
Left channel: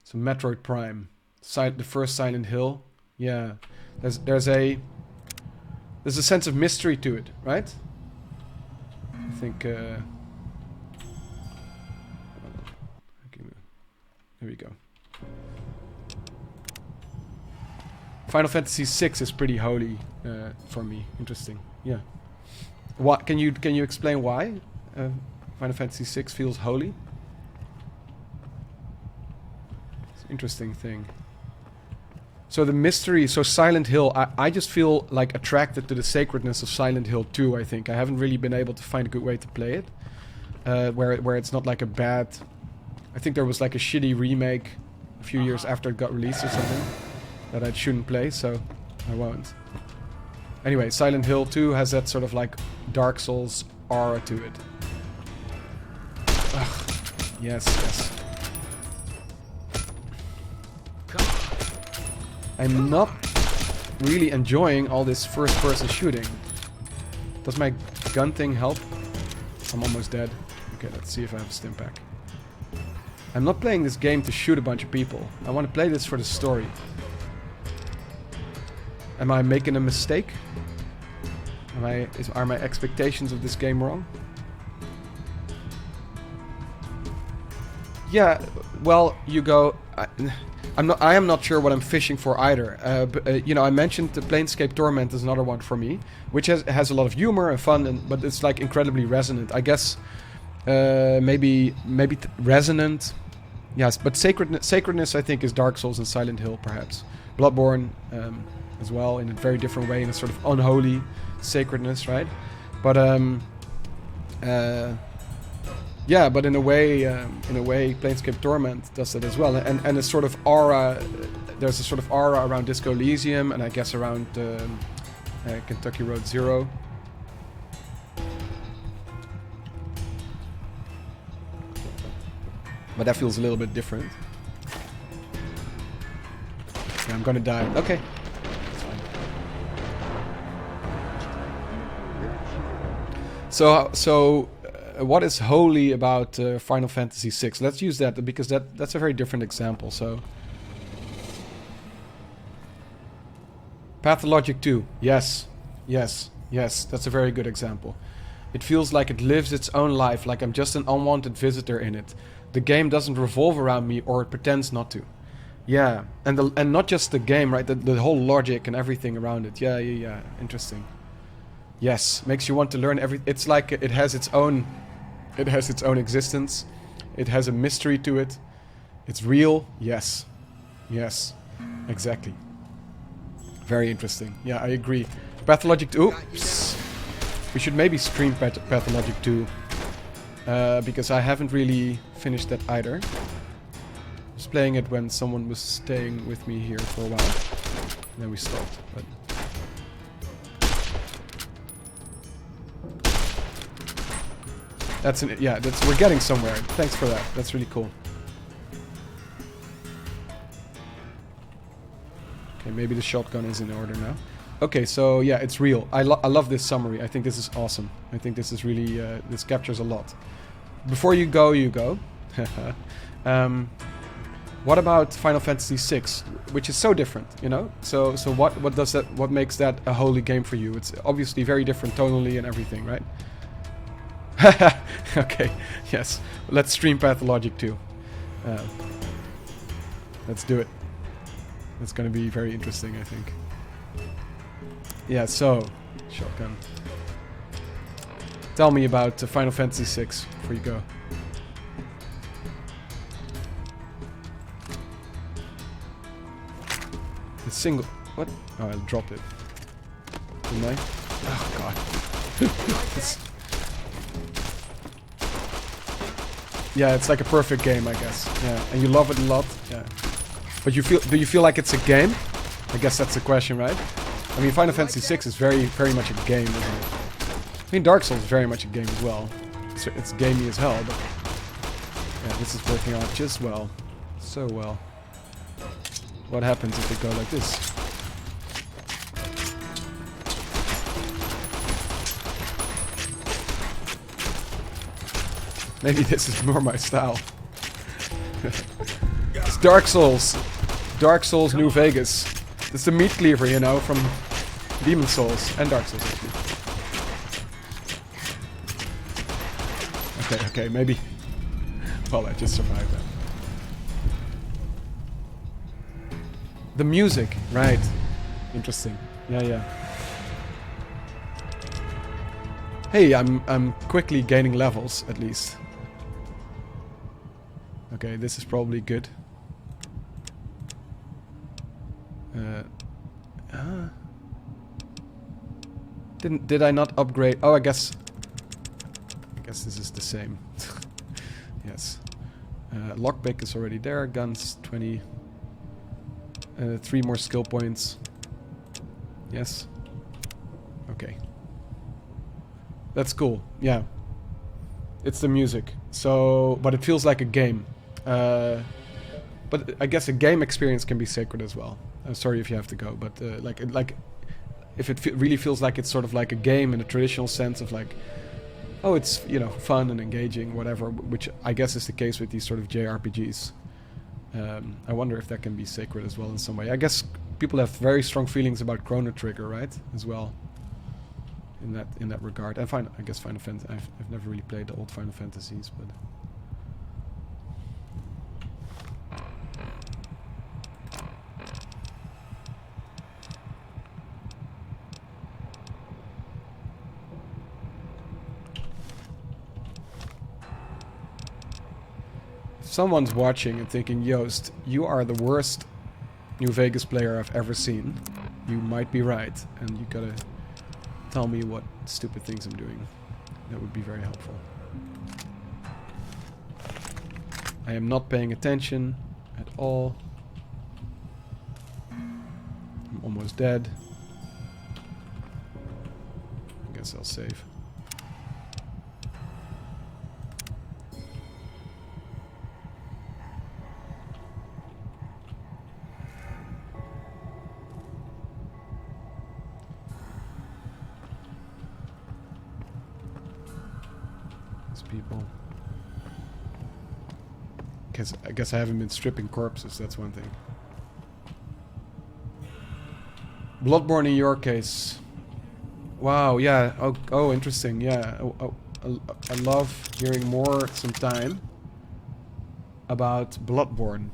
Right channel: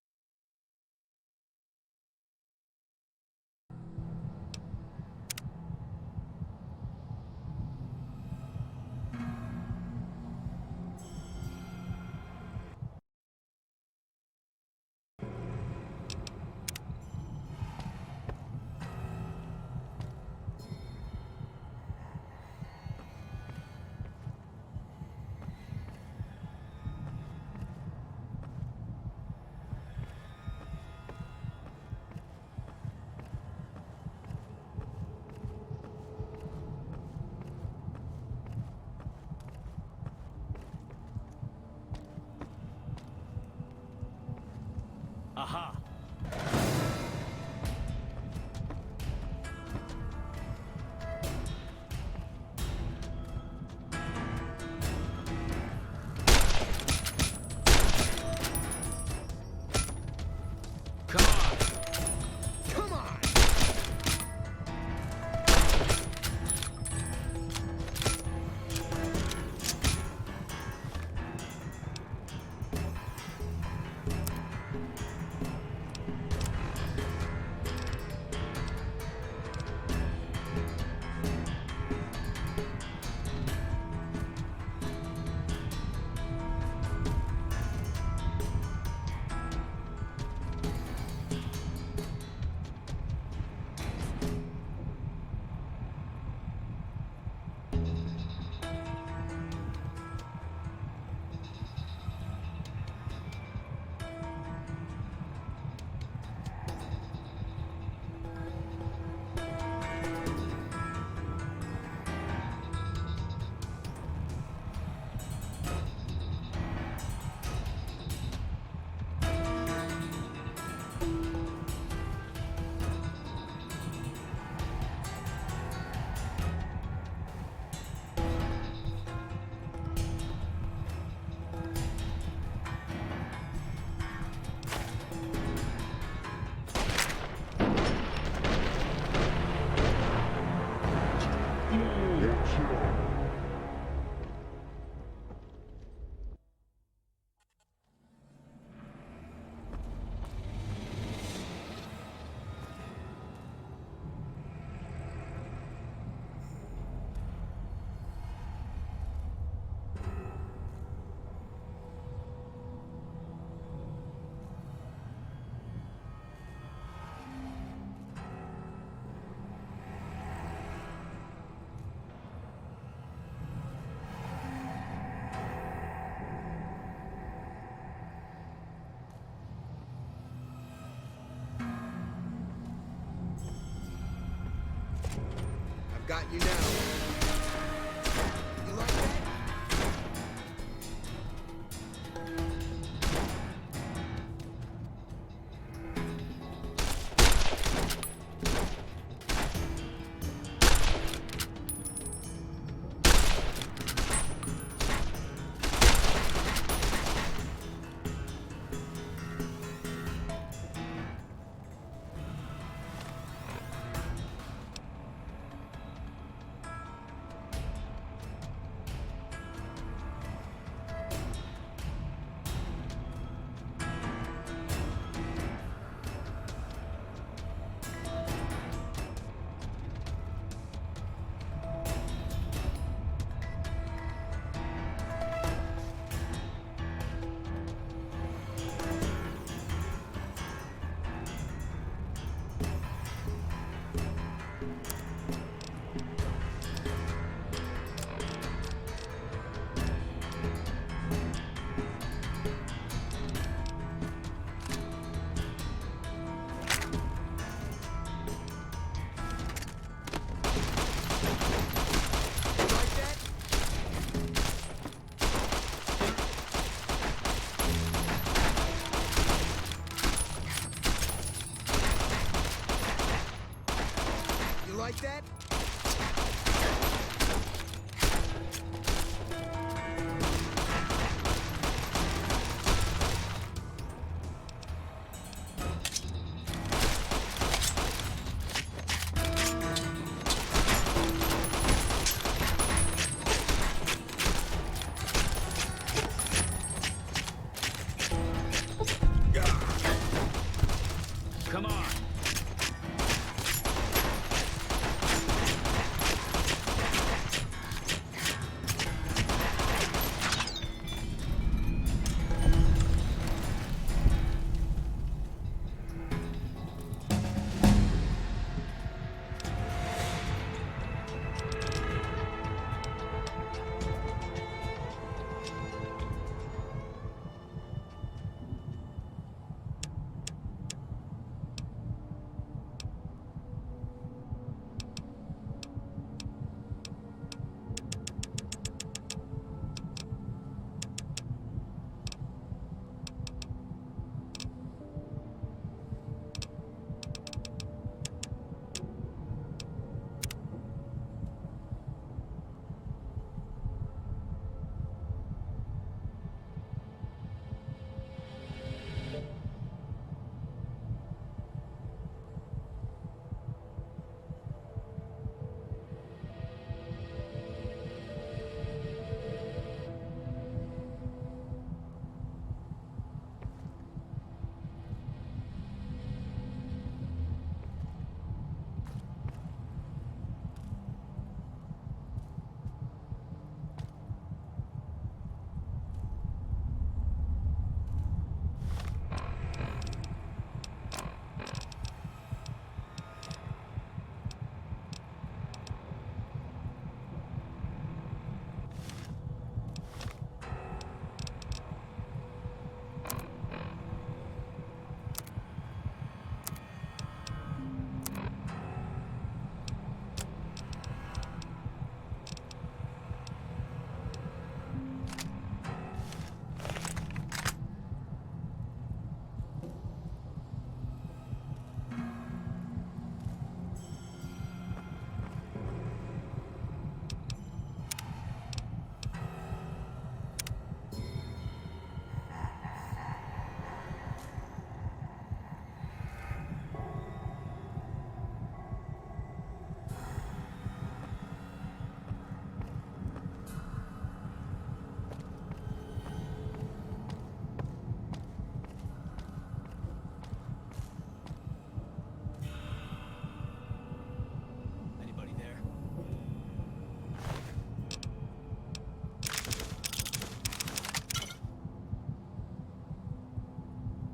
So Metroid Prime, the first Silent Hill. Yeah, there's a sense of mystery to it, right? I think. Here we go. Final Fantasy VI is pretty holy for me. Interesting. Yeah. What can you explain why Final Fantasy VI feels holy? It's an interesting thing. So the mystery, so Silent Hill, I just feel like attracted to the sacredness of Silent Hill 2, I think. I haven't really been able to find a good way to play it. Where it's not like a bad... I think there was like a shitty remake a few years after it got released or something that I shouldn't play, so I won't. Anyway, Silent Hill 2 has that sort of like Dark Souls aura to it. Ugh. Yes. Come on. I'm not really enjoying all this first-person shooting. Does my gun thing help? I'm almost dead. Okay, let's see if I have a stim pack. I'm not playing this game to shoot a bunch of people. I want to play this for the story. Am I making a mistake? Are my expectations of this game wrong? Yeah, well, you go... I am not sure what I'm fishing for either. You know, I mentioned the Planescape Torment is another one for me, which has a lot of humor and fun, but it's like incredibly resonant. I guess maybe resonant. Yes, but sacredness I think is Dark Souls and Silent Hill perhaps. Bloodborne as well in a very different way, in a sort of unholy sacredness, right? But yeah, but in a way, Planescape Torment does that as well, and a sort of aura. There's a sort of aura around Disco Elysium, and I guess around Kentucky Road Zero. But that feels a little bit different. Okay, I'm gonna die. Okay. So. What is holy about Final Fantasy VI? Let's use that because that's a very different example. So, Pathologic 2. Yes, that's a very good example. It feels like it lives its own life, like I'm just an unwanted visitor in it. The game doesn't revolve around me, or it pretends not to. Yeah, and not just the game, right? The whole logic and everything around it. Yeah. Interesting. Yes, makes you want to learn everything. It's like it has its own existence. It has a mystery to it. It's real. Yes, exactly. Very interesting. Yeah, I agree. Pathologic 2. We should maybe stream Pathologic 2 because I haven't really finished that either. I was playing it when someone was staying with me here for a while. And then we stopped. But That's we're getting somewhere. Thanks for that. That's really cool. Okay, maybe the shotgun is in order now. Okay, so yeah, it's real. I love this summary. I think this is awesome. I think this is really this captures a lot. Before you go, what about Final Fantasy VI, which is so different, you know? So what does that? What makes that a holy game for you? It's obviously very different tonally and everything, right? Okay, yes. Let's stream Pathologic too. Let's do it. It's gonna be very interesting, I think. Yeah, so shotgun. Tell me about Final Fantasy VI before you go. The single. What? Oh, I dropped it. Didn't yeah, it's like a perfect game, I guess. Yeah. And you love it a lot. Yeah. But do you feel like it's a game? I guess that's the question, right? I mean, Final Fantasy VI is very much a game. I mean, Dark Souls is very much a game as well. It's gamey as hell, but yeah, this is working out just well. So well. What happens if it goes like this? Maybe this is more my style. It's Dark Souls. Dark Souls New Vegas. It's the meat cleaver, you know, from Demon Souls and Dark Souls. Okay, maybe. Well, I just survived that. The music, right. Interesting. Yeah. Hey, I'm quickly gaining levels, at least. Okay, this is probably good. Did I not upgrade? Oh, I guess this is the same. Yes. Lockpick is already there. Guns 20. 3 more skill points. Yes. Okay. That's cool. Yeah. It's the music. So, but it feels like a game. But I guess a game experience can be sacred as well. Sorry if you have to go, but like if it really feels like it's sort of like a game in a traditional sense of like, oh, it's, you know, fun and engaging, whatever, which I guess is the case with these sort of JRPGs. I wonder if that can be sacred as well in some way. I guess people have very strong feelings about Chrono Trigger, right? As well. In that regard. And I guess Final Fantasy. I've never really played the old Final Fantasies, but. Someone's watching and thinking, Joost, you are the worst New Vegas player I've ever seen. You might be right, and you gotta tell me what stupid things I'm doing. That would be very helpful. I am not paying attention at all. I'm almost dead. Guess I'll save. I guess I haven't been stripping corpses, that's one thing. Bloodborne in your case. Wow, yeah. Oh, interesting, yeah. I love hearing more sometime about Bloodborne.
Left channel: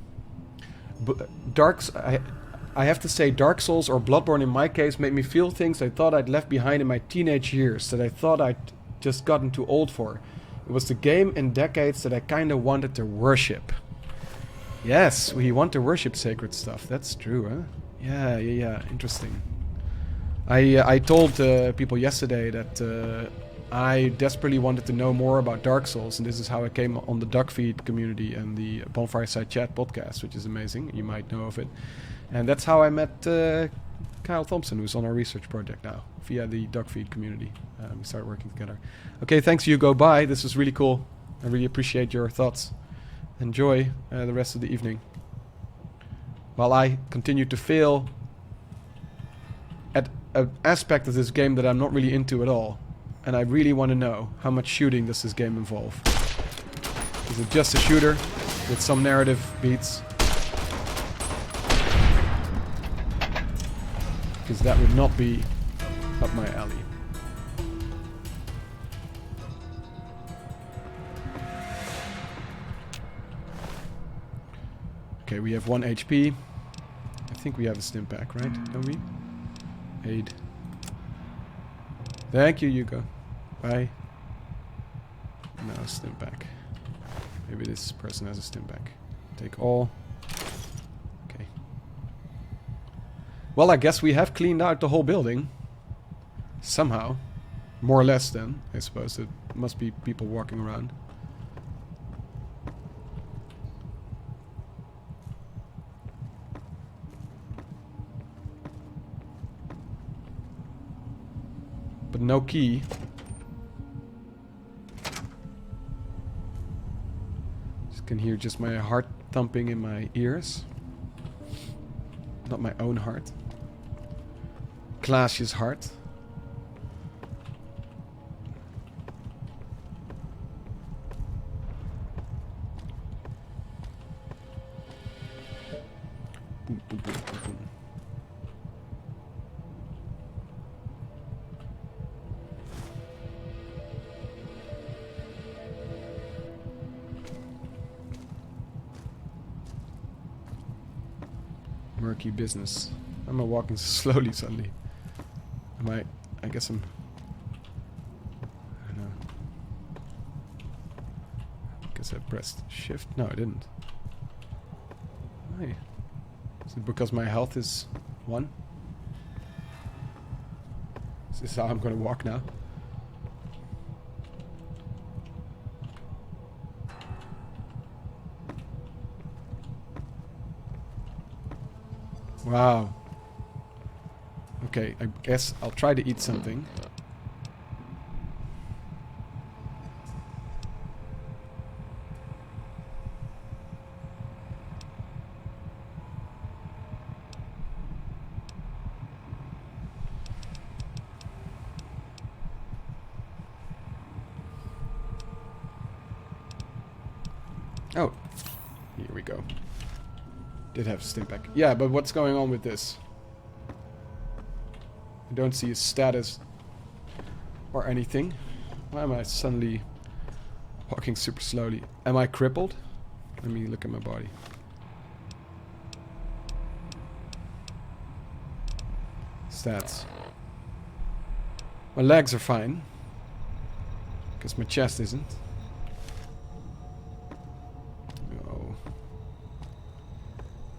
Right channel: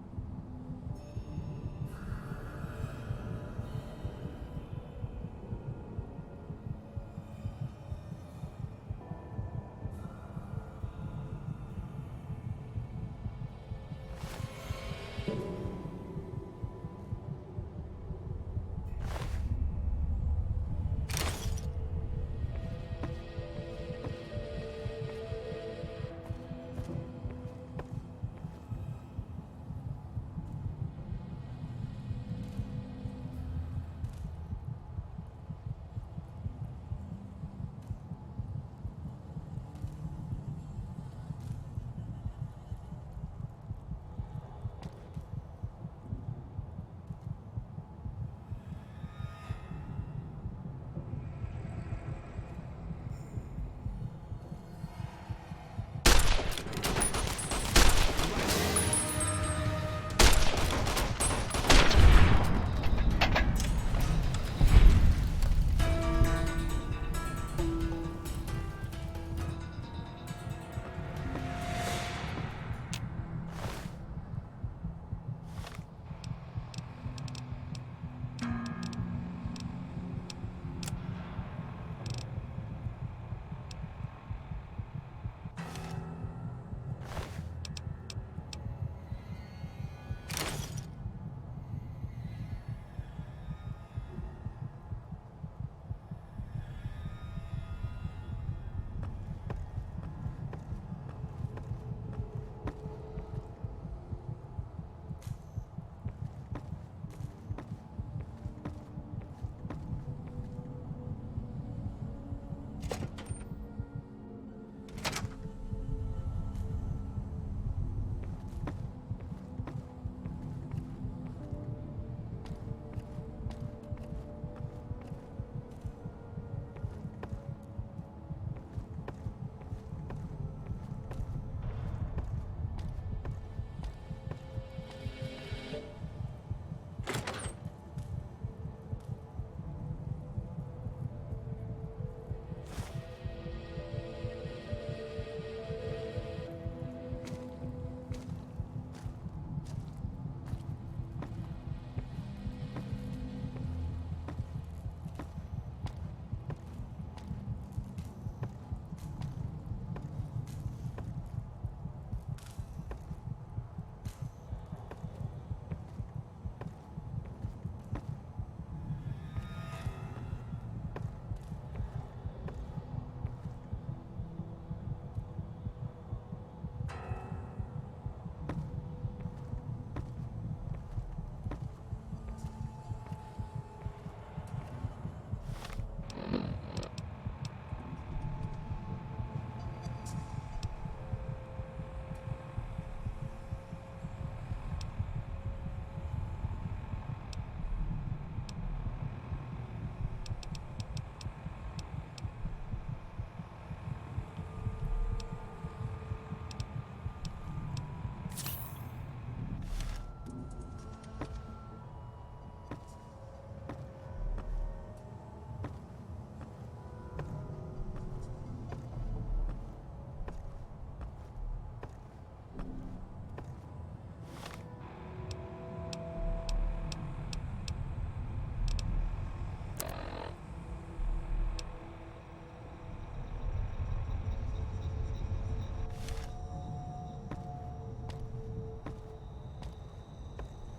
I have to say, Dark Souls or Bloodborne in my case made me feel things I thought I'd left behind in my teenage years, that I thought I'd just gotten too old for. It was the game in decades that I kind of wanted to worship. Yes, we want to worship sacred stuff. That's true, huh? Yeah. Interesting. I told people yesterday that I desperately wanted to know more about Dark Souls, and this is how I came on the Duckfeed community and the Bonfireside Chat podcast, which is amazing. You might know of it. And that's how I met Kyle Thompson, who's on our research project now via the Dogfeed community. We started working together. Okay, thanks Hugo. Bye. This was really cool. I really appreciate your thoughts. Enjoy the rest of the evening. While I continue to fail at an aspect of this game that I'm not really into at all. And I really want to know how much shooting does this game involve. Is it just a shooter with some narrative beats? Because that would not be up my alley. Okay, we have 1 HP. I think we have a stim pack, right? Don't we? Aid. Thank you, Yuko. Bye. No, stim pack. Maybe this person has a stim pack. Take all. Okay. Well, I guess we have cleaned out the whole building. Somehow. More or less then, I suppose. It must be people walking around. But no key. Can hear just my heart thumping in my ears. Not my own heart. Klaasje's heart. Murky business. Am I walking slowly suddenly? I guess I'm... I don't know. I guess I pressed shift? No, I didn't. Hey. Is it because my health is 1? Is this how I'm gonna walk now? Wow. Okay, I guess I'll try to eat something. Oh, here we go. Did have to stay back. Yeah, but what's going on with this? I don't see his status or anything. Why am I suddenly walking super slowly? Am I crippled? Let me look at my body. Stats. My legs are fine. Because my chest isn't.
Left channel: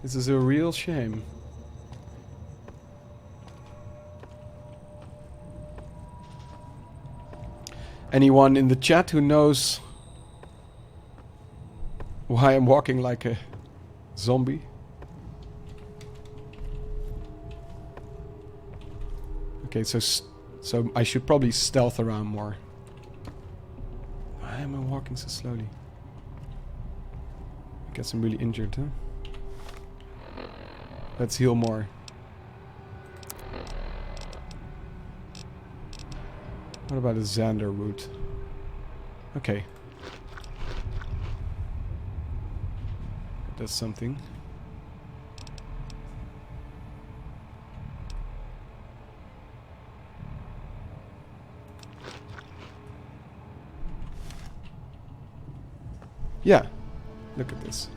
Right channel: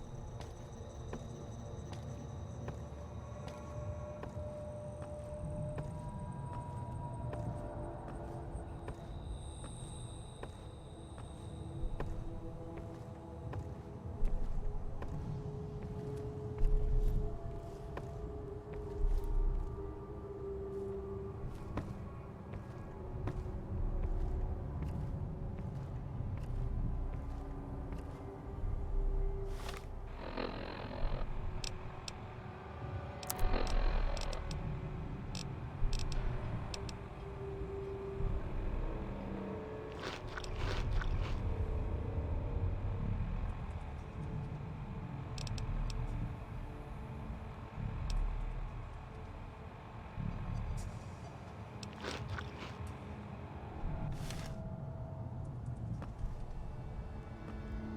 This is a real shame. Anyone in the chat who knows why I'm walking like a zombie? Okay, so I should probably stealth around more. Why am I walking so slowly? I guess I'm really injured, huh? Let's heal more. What about a Xander route? Okay. That's something. Yeah. Look at this.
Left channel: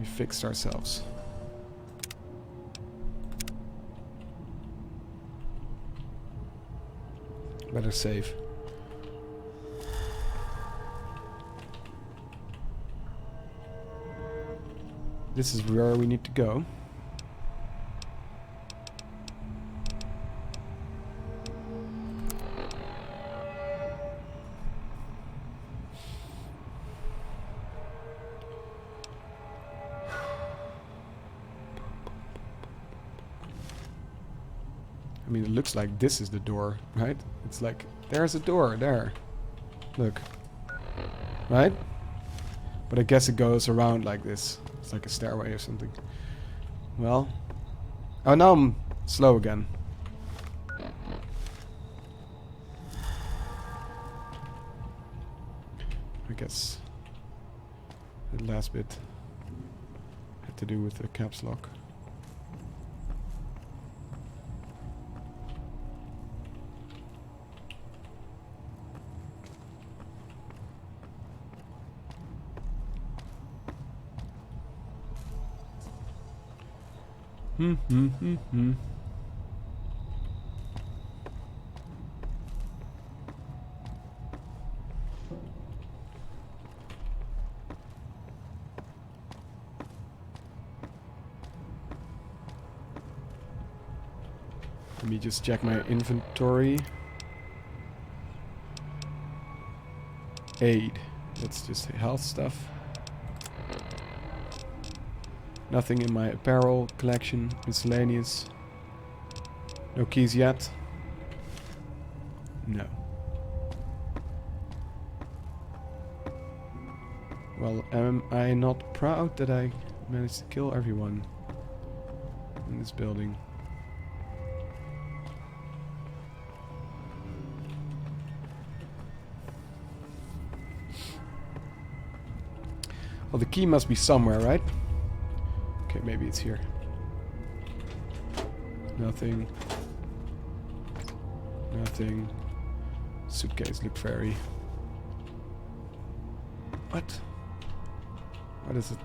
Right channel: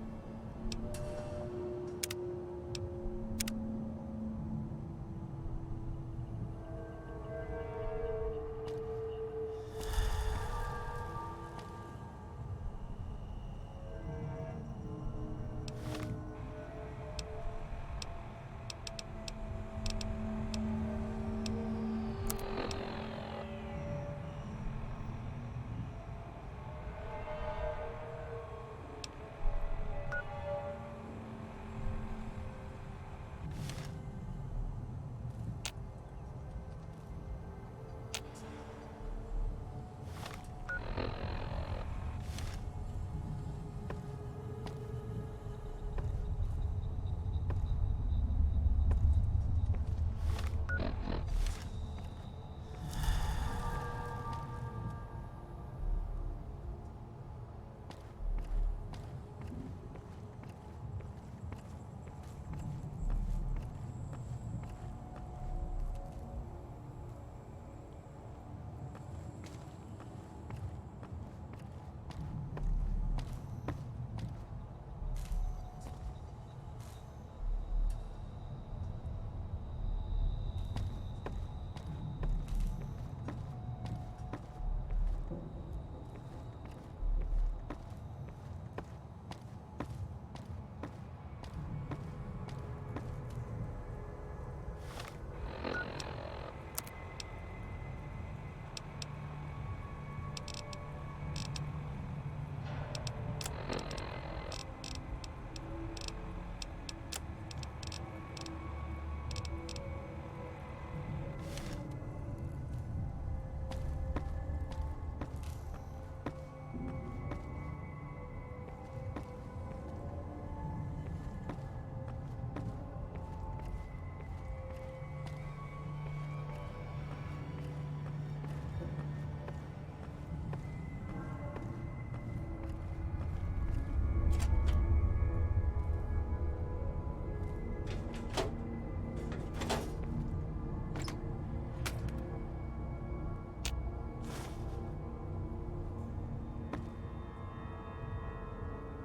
We fixed ourselves. Better save. This is where we need to go. mean, it looks like this is the door, right? It's like, there's a door, there. Look. Right? But I guess it goes around like this. It's like a stairway or something. Well. Oh, now I'm slow again. I guess the last bit had to do with the caps lock. Hmm. Let me just check my inventory. Aid. That's just health stuff. Nothing in my apparel collection. Miscellaneous. No keys yet. No. Well, am I not proud that I managed to kill everyone in this building? Well, the key must be somewhere, right? Okay, maybe it's here. Nothing. Nothing. Suitcase look very... What? What is it?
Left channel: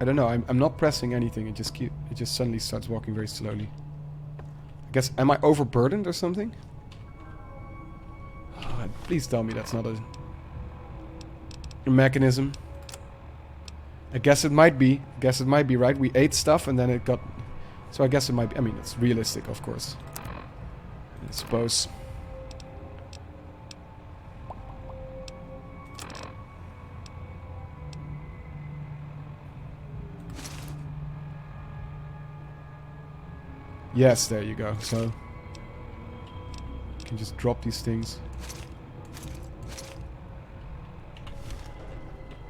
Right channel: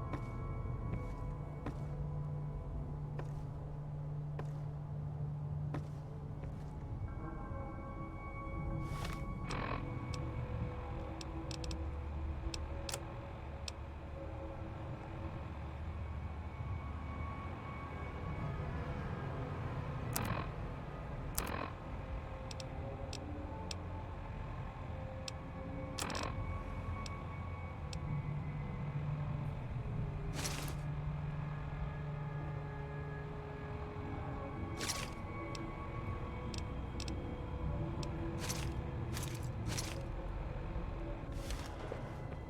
I don't know. I'm not pressing anything. It just suddenly starts walking very slowly. I guess, am I overburdened or something? Oh, please tell me that's not a mechanism. I guess it might be. I guess it might be, right? We ate stuff and then it got... So I guess it might be. I mean, it's realistic, of course. I suppose. Yes, there you go. So you can just drop these things.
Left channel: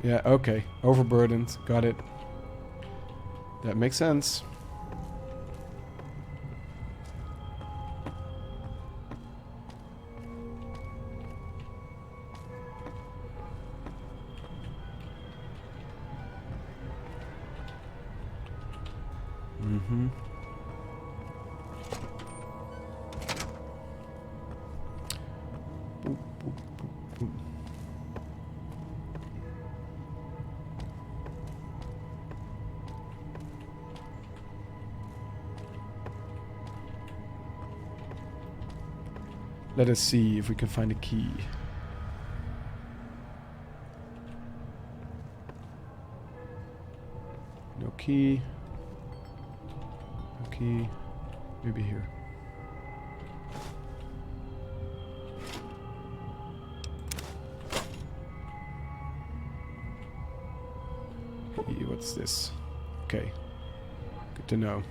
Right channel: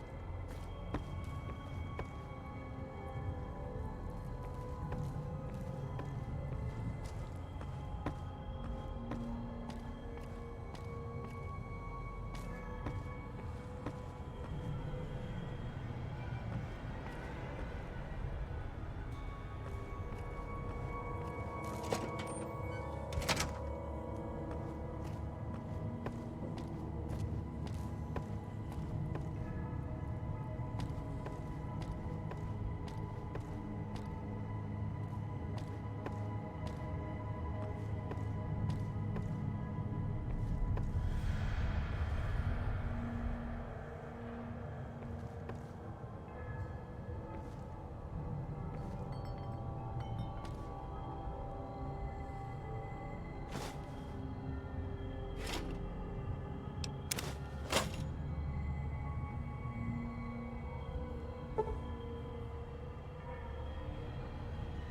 Yeah, okay. Overburdened. Got it. That makes sense. Mm-hmm. Let us see if we can find a key. No key. No key. Maybe here. Key, what's this? Okay. Good to know.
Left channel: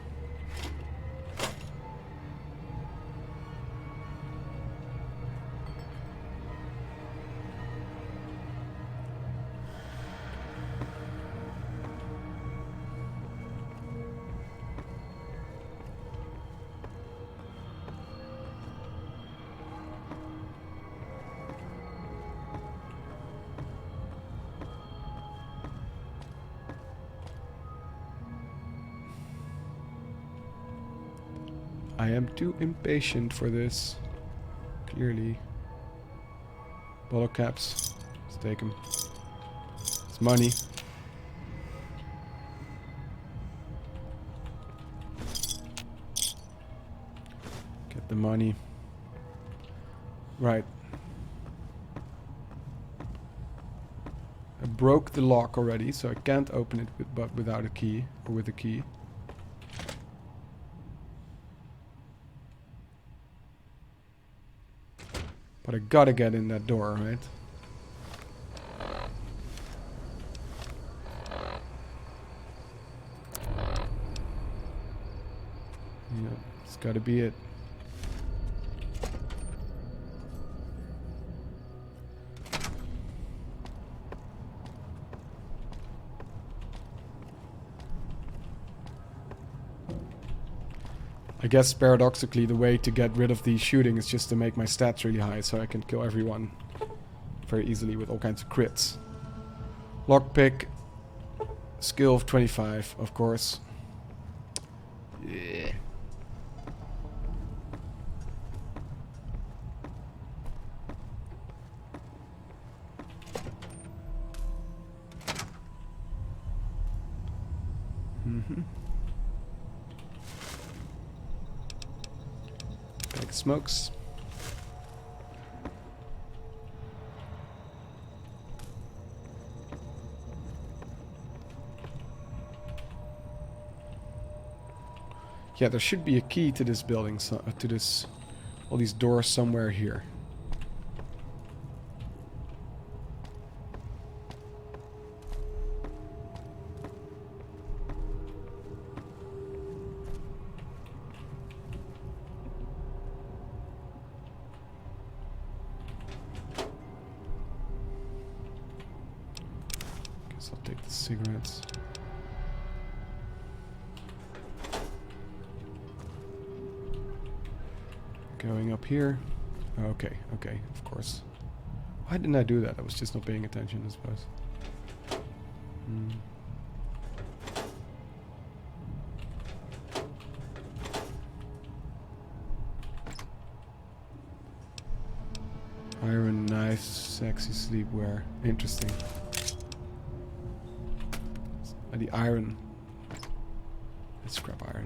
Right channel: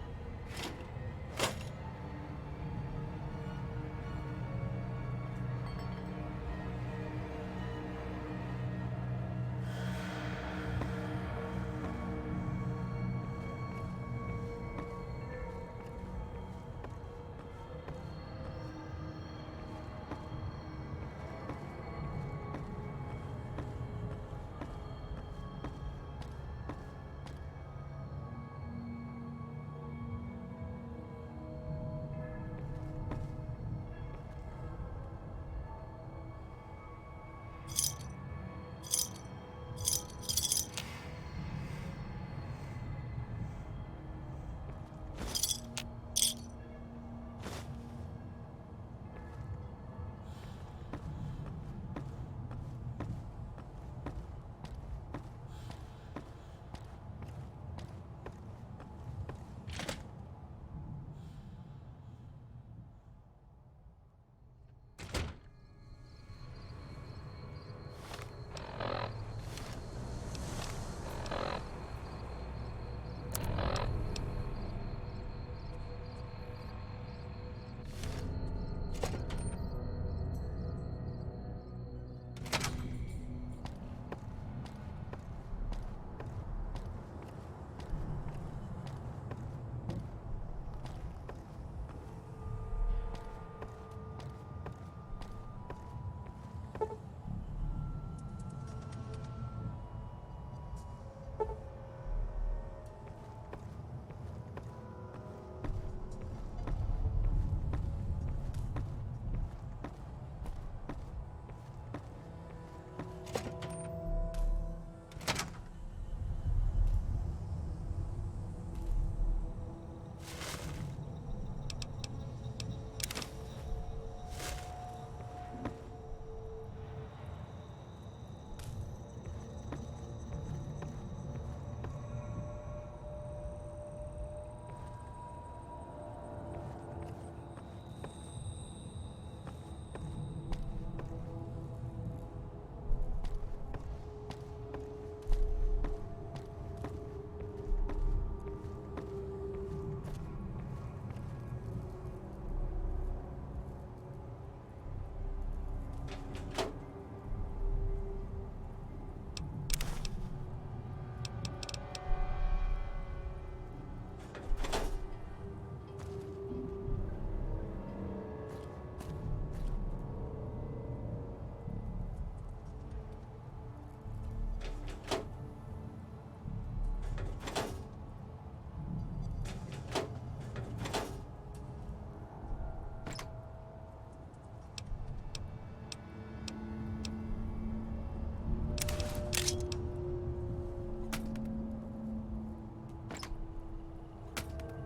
I am too impatient for this. Clearly. Bottle caps. Let's take them. It's money. Get the money. Right. I broke the lock already, so I can't open it but without a key. Or with a key. But I gotta get in that door, right? Yeah, let's gotta be it. I guess paradoxically the way to get rid of the shooting is just to make my stats really high so I can kill everyone very easily with all kinds of crits. Lockpick, skill of 25, of course. Yeah. Smokes. Yeah, there should be a key to this building, all these doors somewhere here. Guess I'll take the cigarettes. Going up here. Okay, of course. Why didn't I do that? I was just not paying attention, I suppose. Iron knife, sexy sleepwear. Interesting. The iron. Let's scrap iron.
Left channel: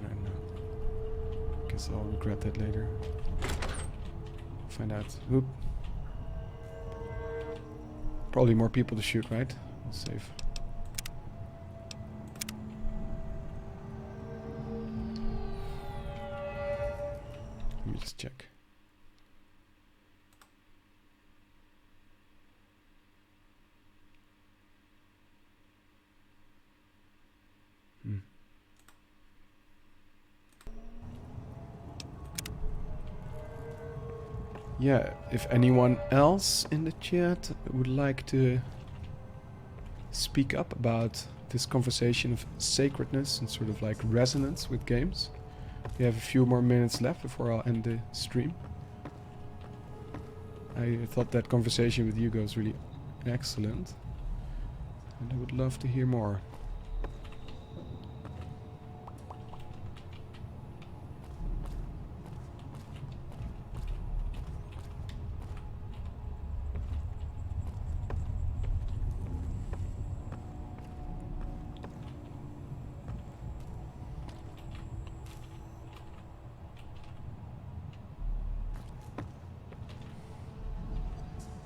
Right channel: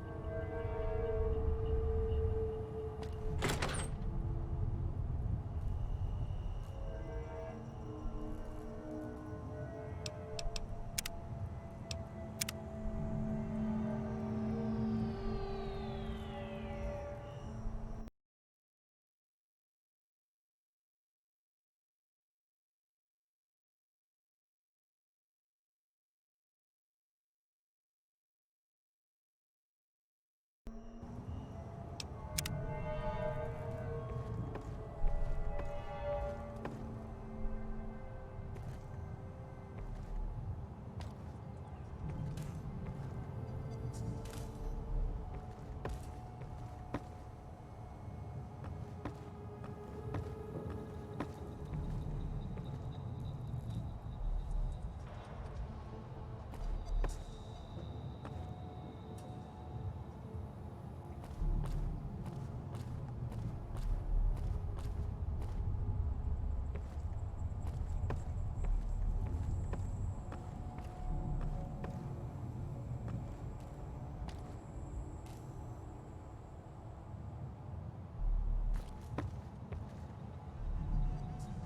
Guess I'll regret that later. Find out. Oop. Probably more people to shoot, right? Save. Let me just check. Yeah, if anyone else in the chat would like to speak up about this conversation of sacredness and sort of like resonance with games. We have a few more minutes left before I'll end the stream. I thought that conversation with Hugo was really excellent, and I would love to hear more.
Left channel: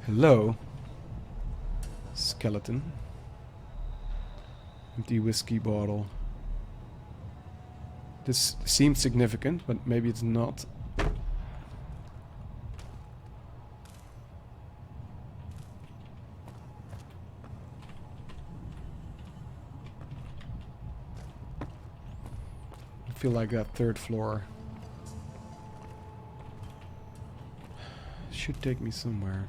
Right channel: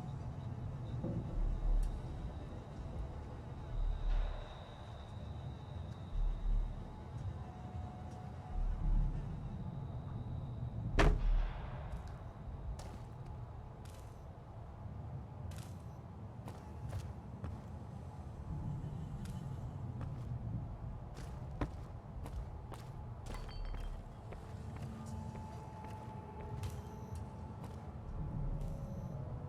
Hello, skeleton. Empty whiskey bottle. This seems significant, but maybe it's not. I feel like that third floor should take me somewhere.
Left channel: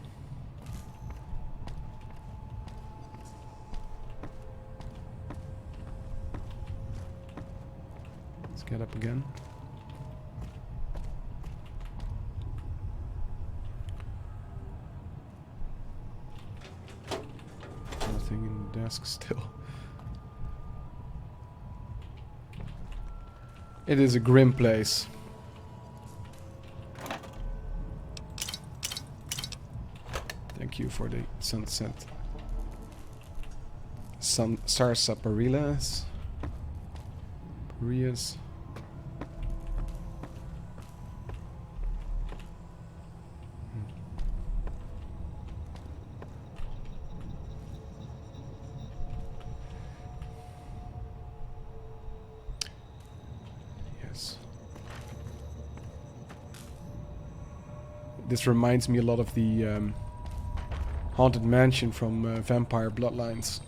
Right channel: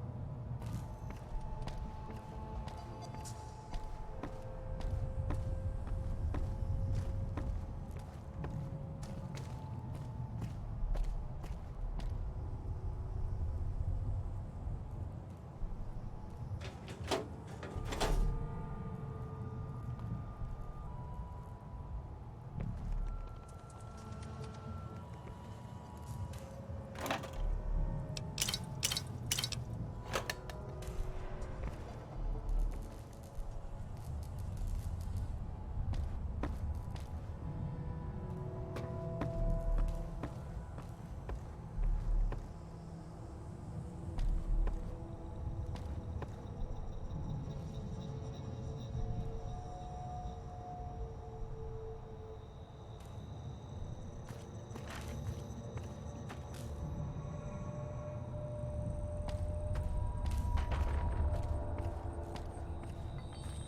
Get up again. Nothing in the desk still. It is a grim place. Thank you for the sunset. Sarsaparillas. Parias. This reminds me a lot of the haunted mansion from Vampire Bloodlines.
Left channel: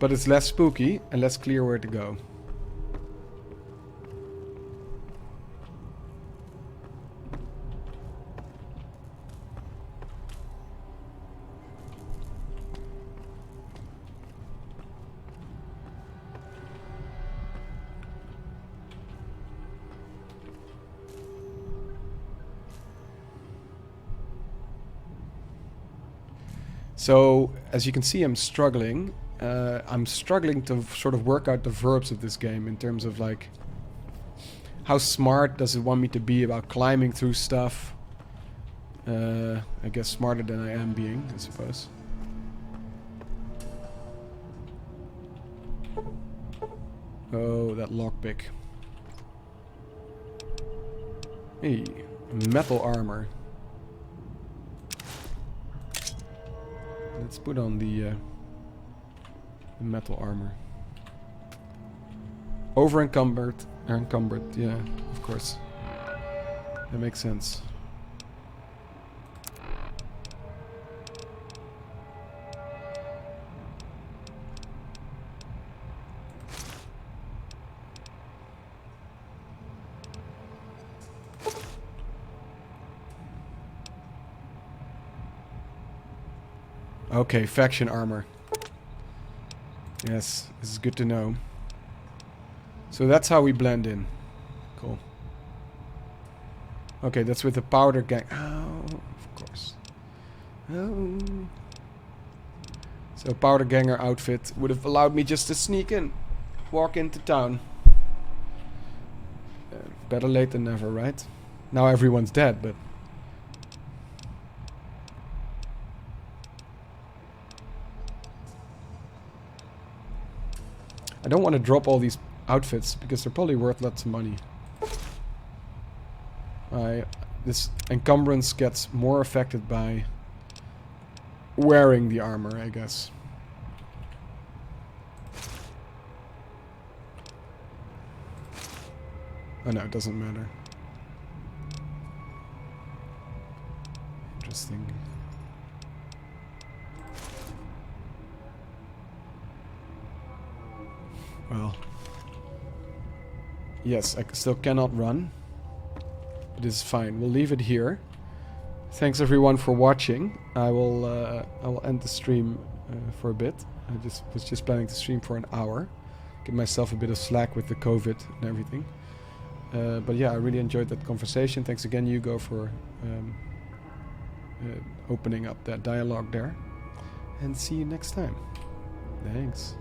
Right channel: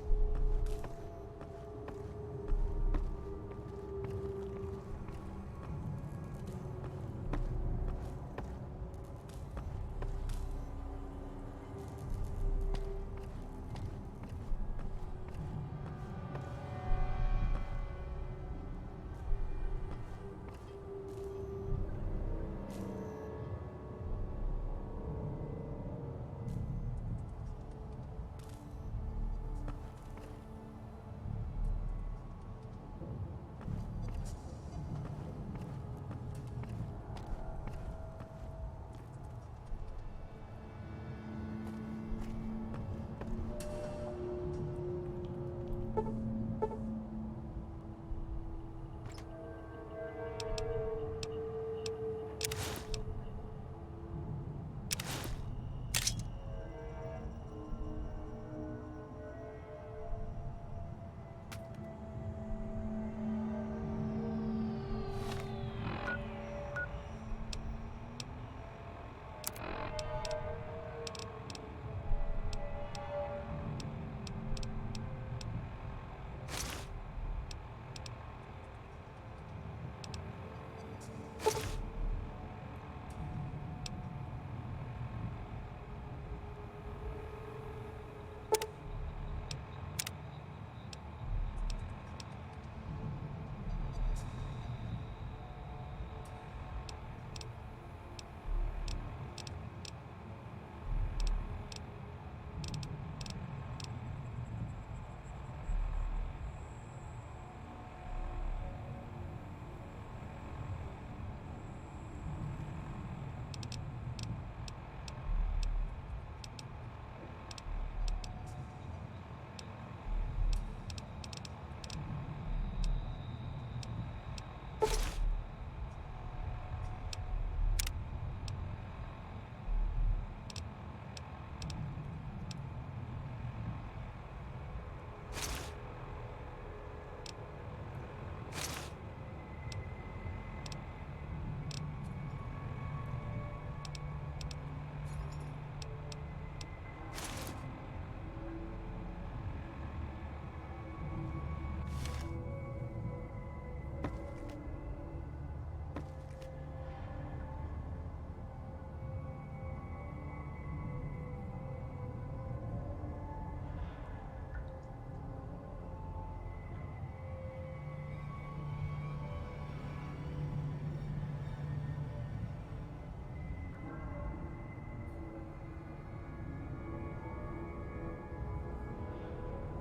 But it's less spooky and less clear where to go. So, as you can see, I'm struggling. I'm struggling to sort of work out the verbs of this game in terms of like, how smart does it want me to be about climbing through stuff? I guess smarter than I am being, I suppose. Oh, that lockpick. Hey, metal armor. Let's put on the metal armor. Over encumbered, yeah, of course. That makes sense. Okay, faction armor. Yes, this is good to know. So that's how we blend in. Cool. Okay, that's with the powder gang. Oh, of course. Oh. So powder ganger outfit would have allowed me just to sneak in, walk into town. Better late than never, right? Now everyone's dead, but... I don't want to drop all these outfits because they're probably worth lots of money. This encumbrance gets more affected by wearing the armor, I guess. Oh no, it doesn't matter. Interesting. Well, yes, I still cannot run. It is fine. We'll leave it here. Thanks everyone for watching. I will end the stream for a bit. I was just planning to stream for an hour. Give myself a bit of slack with the COVID and everything. But yeah, I really enjoyed that conversation. Thanks again, Hugo, for opening up that dialogue there. And see you next time. Thanks.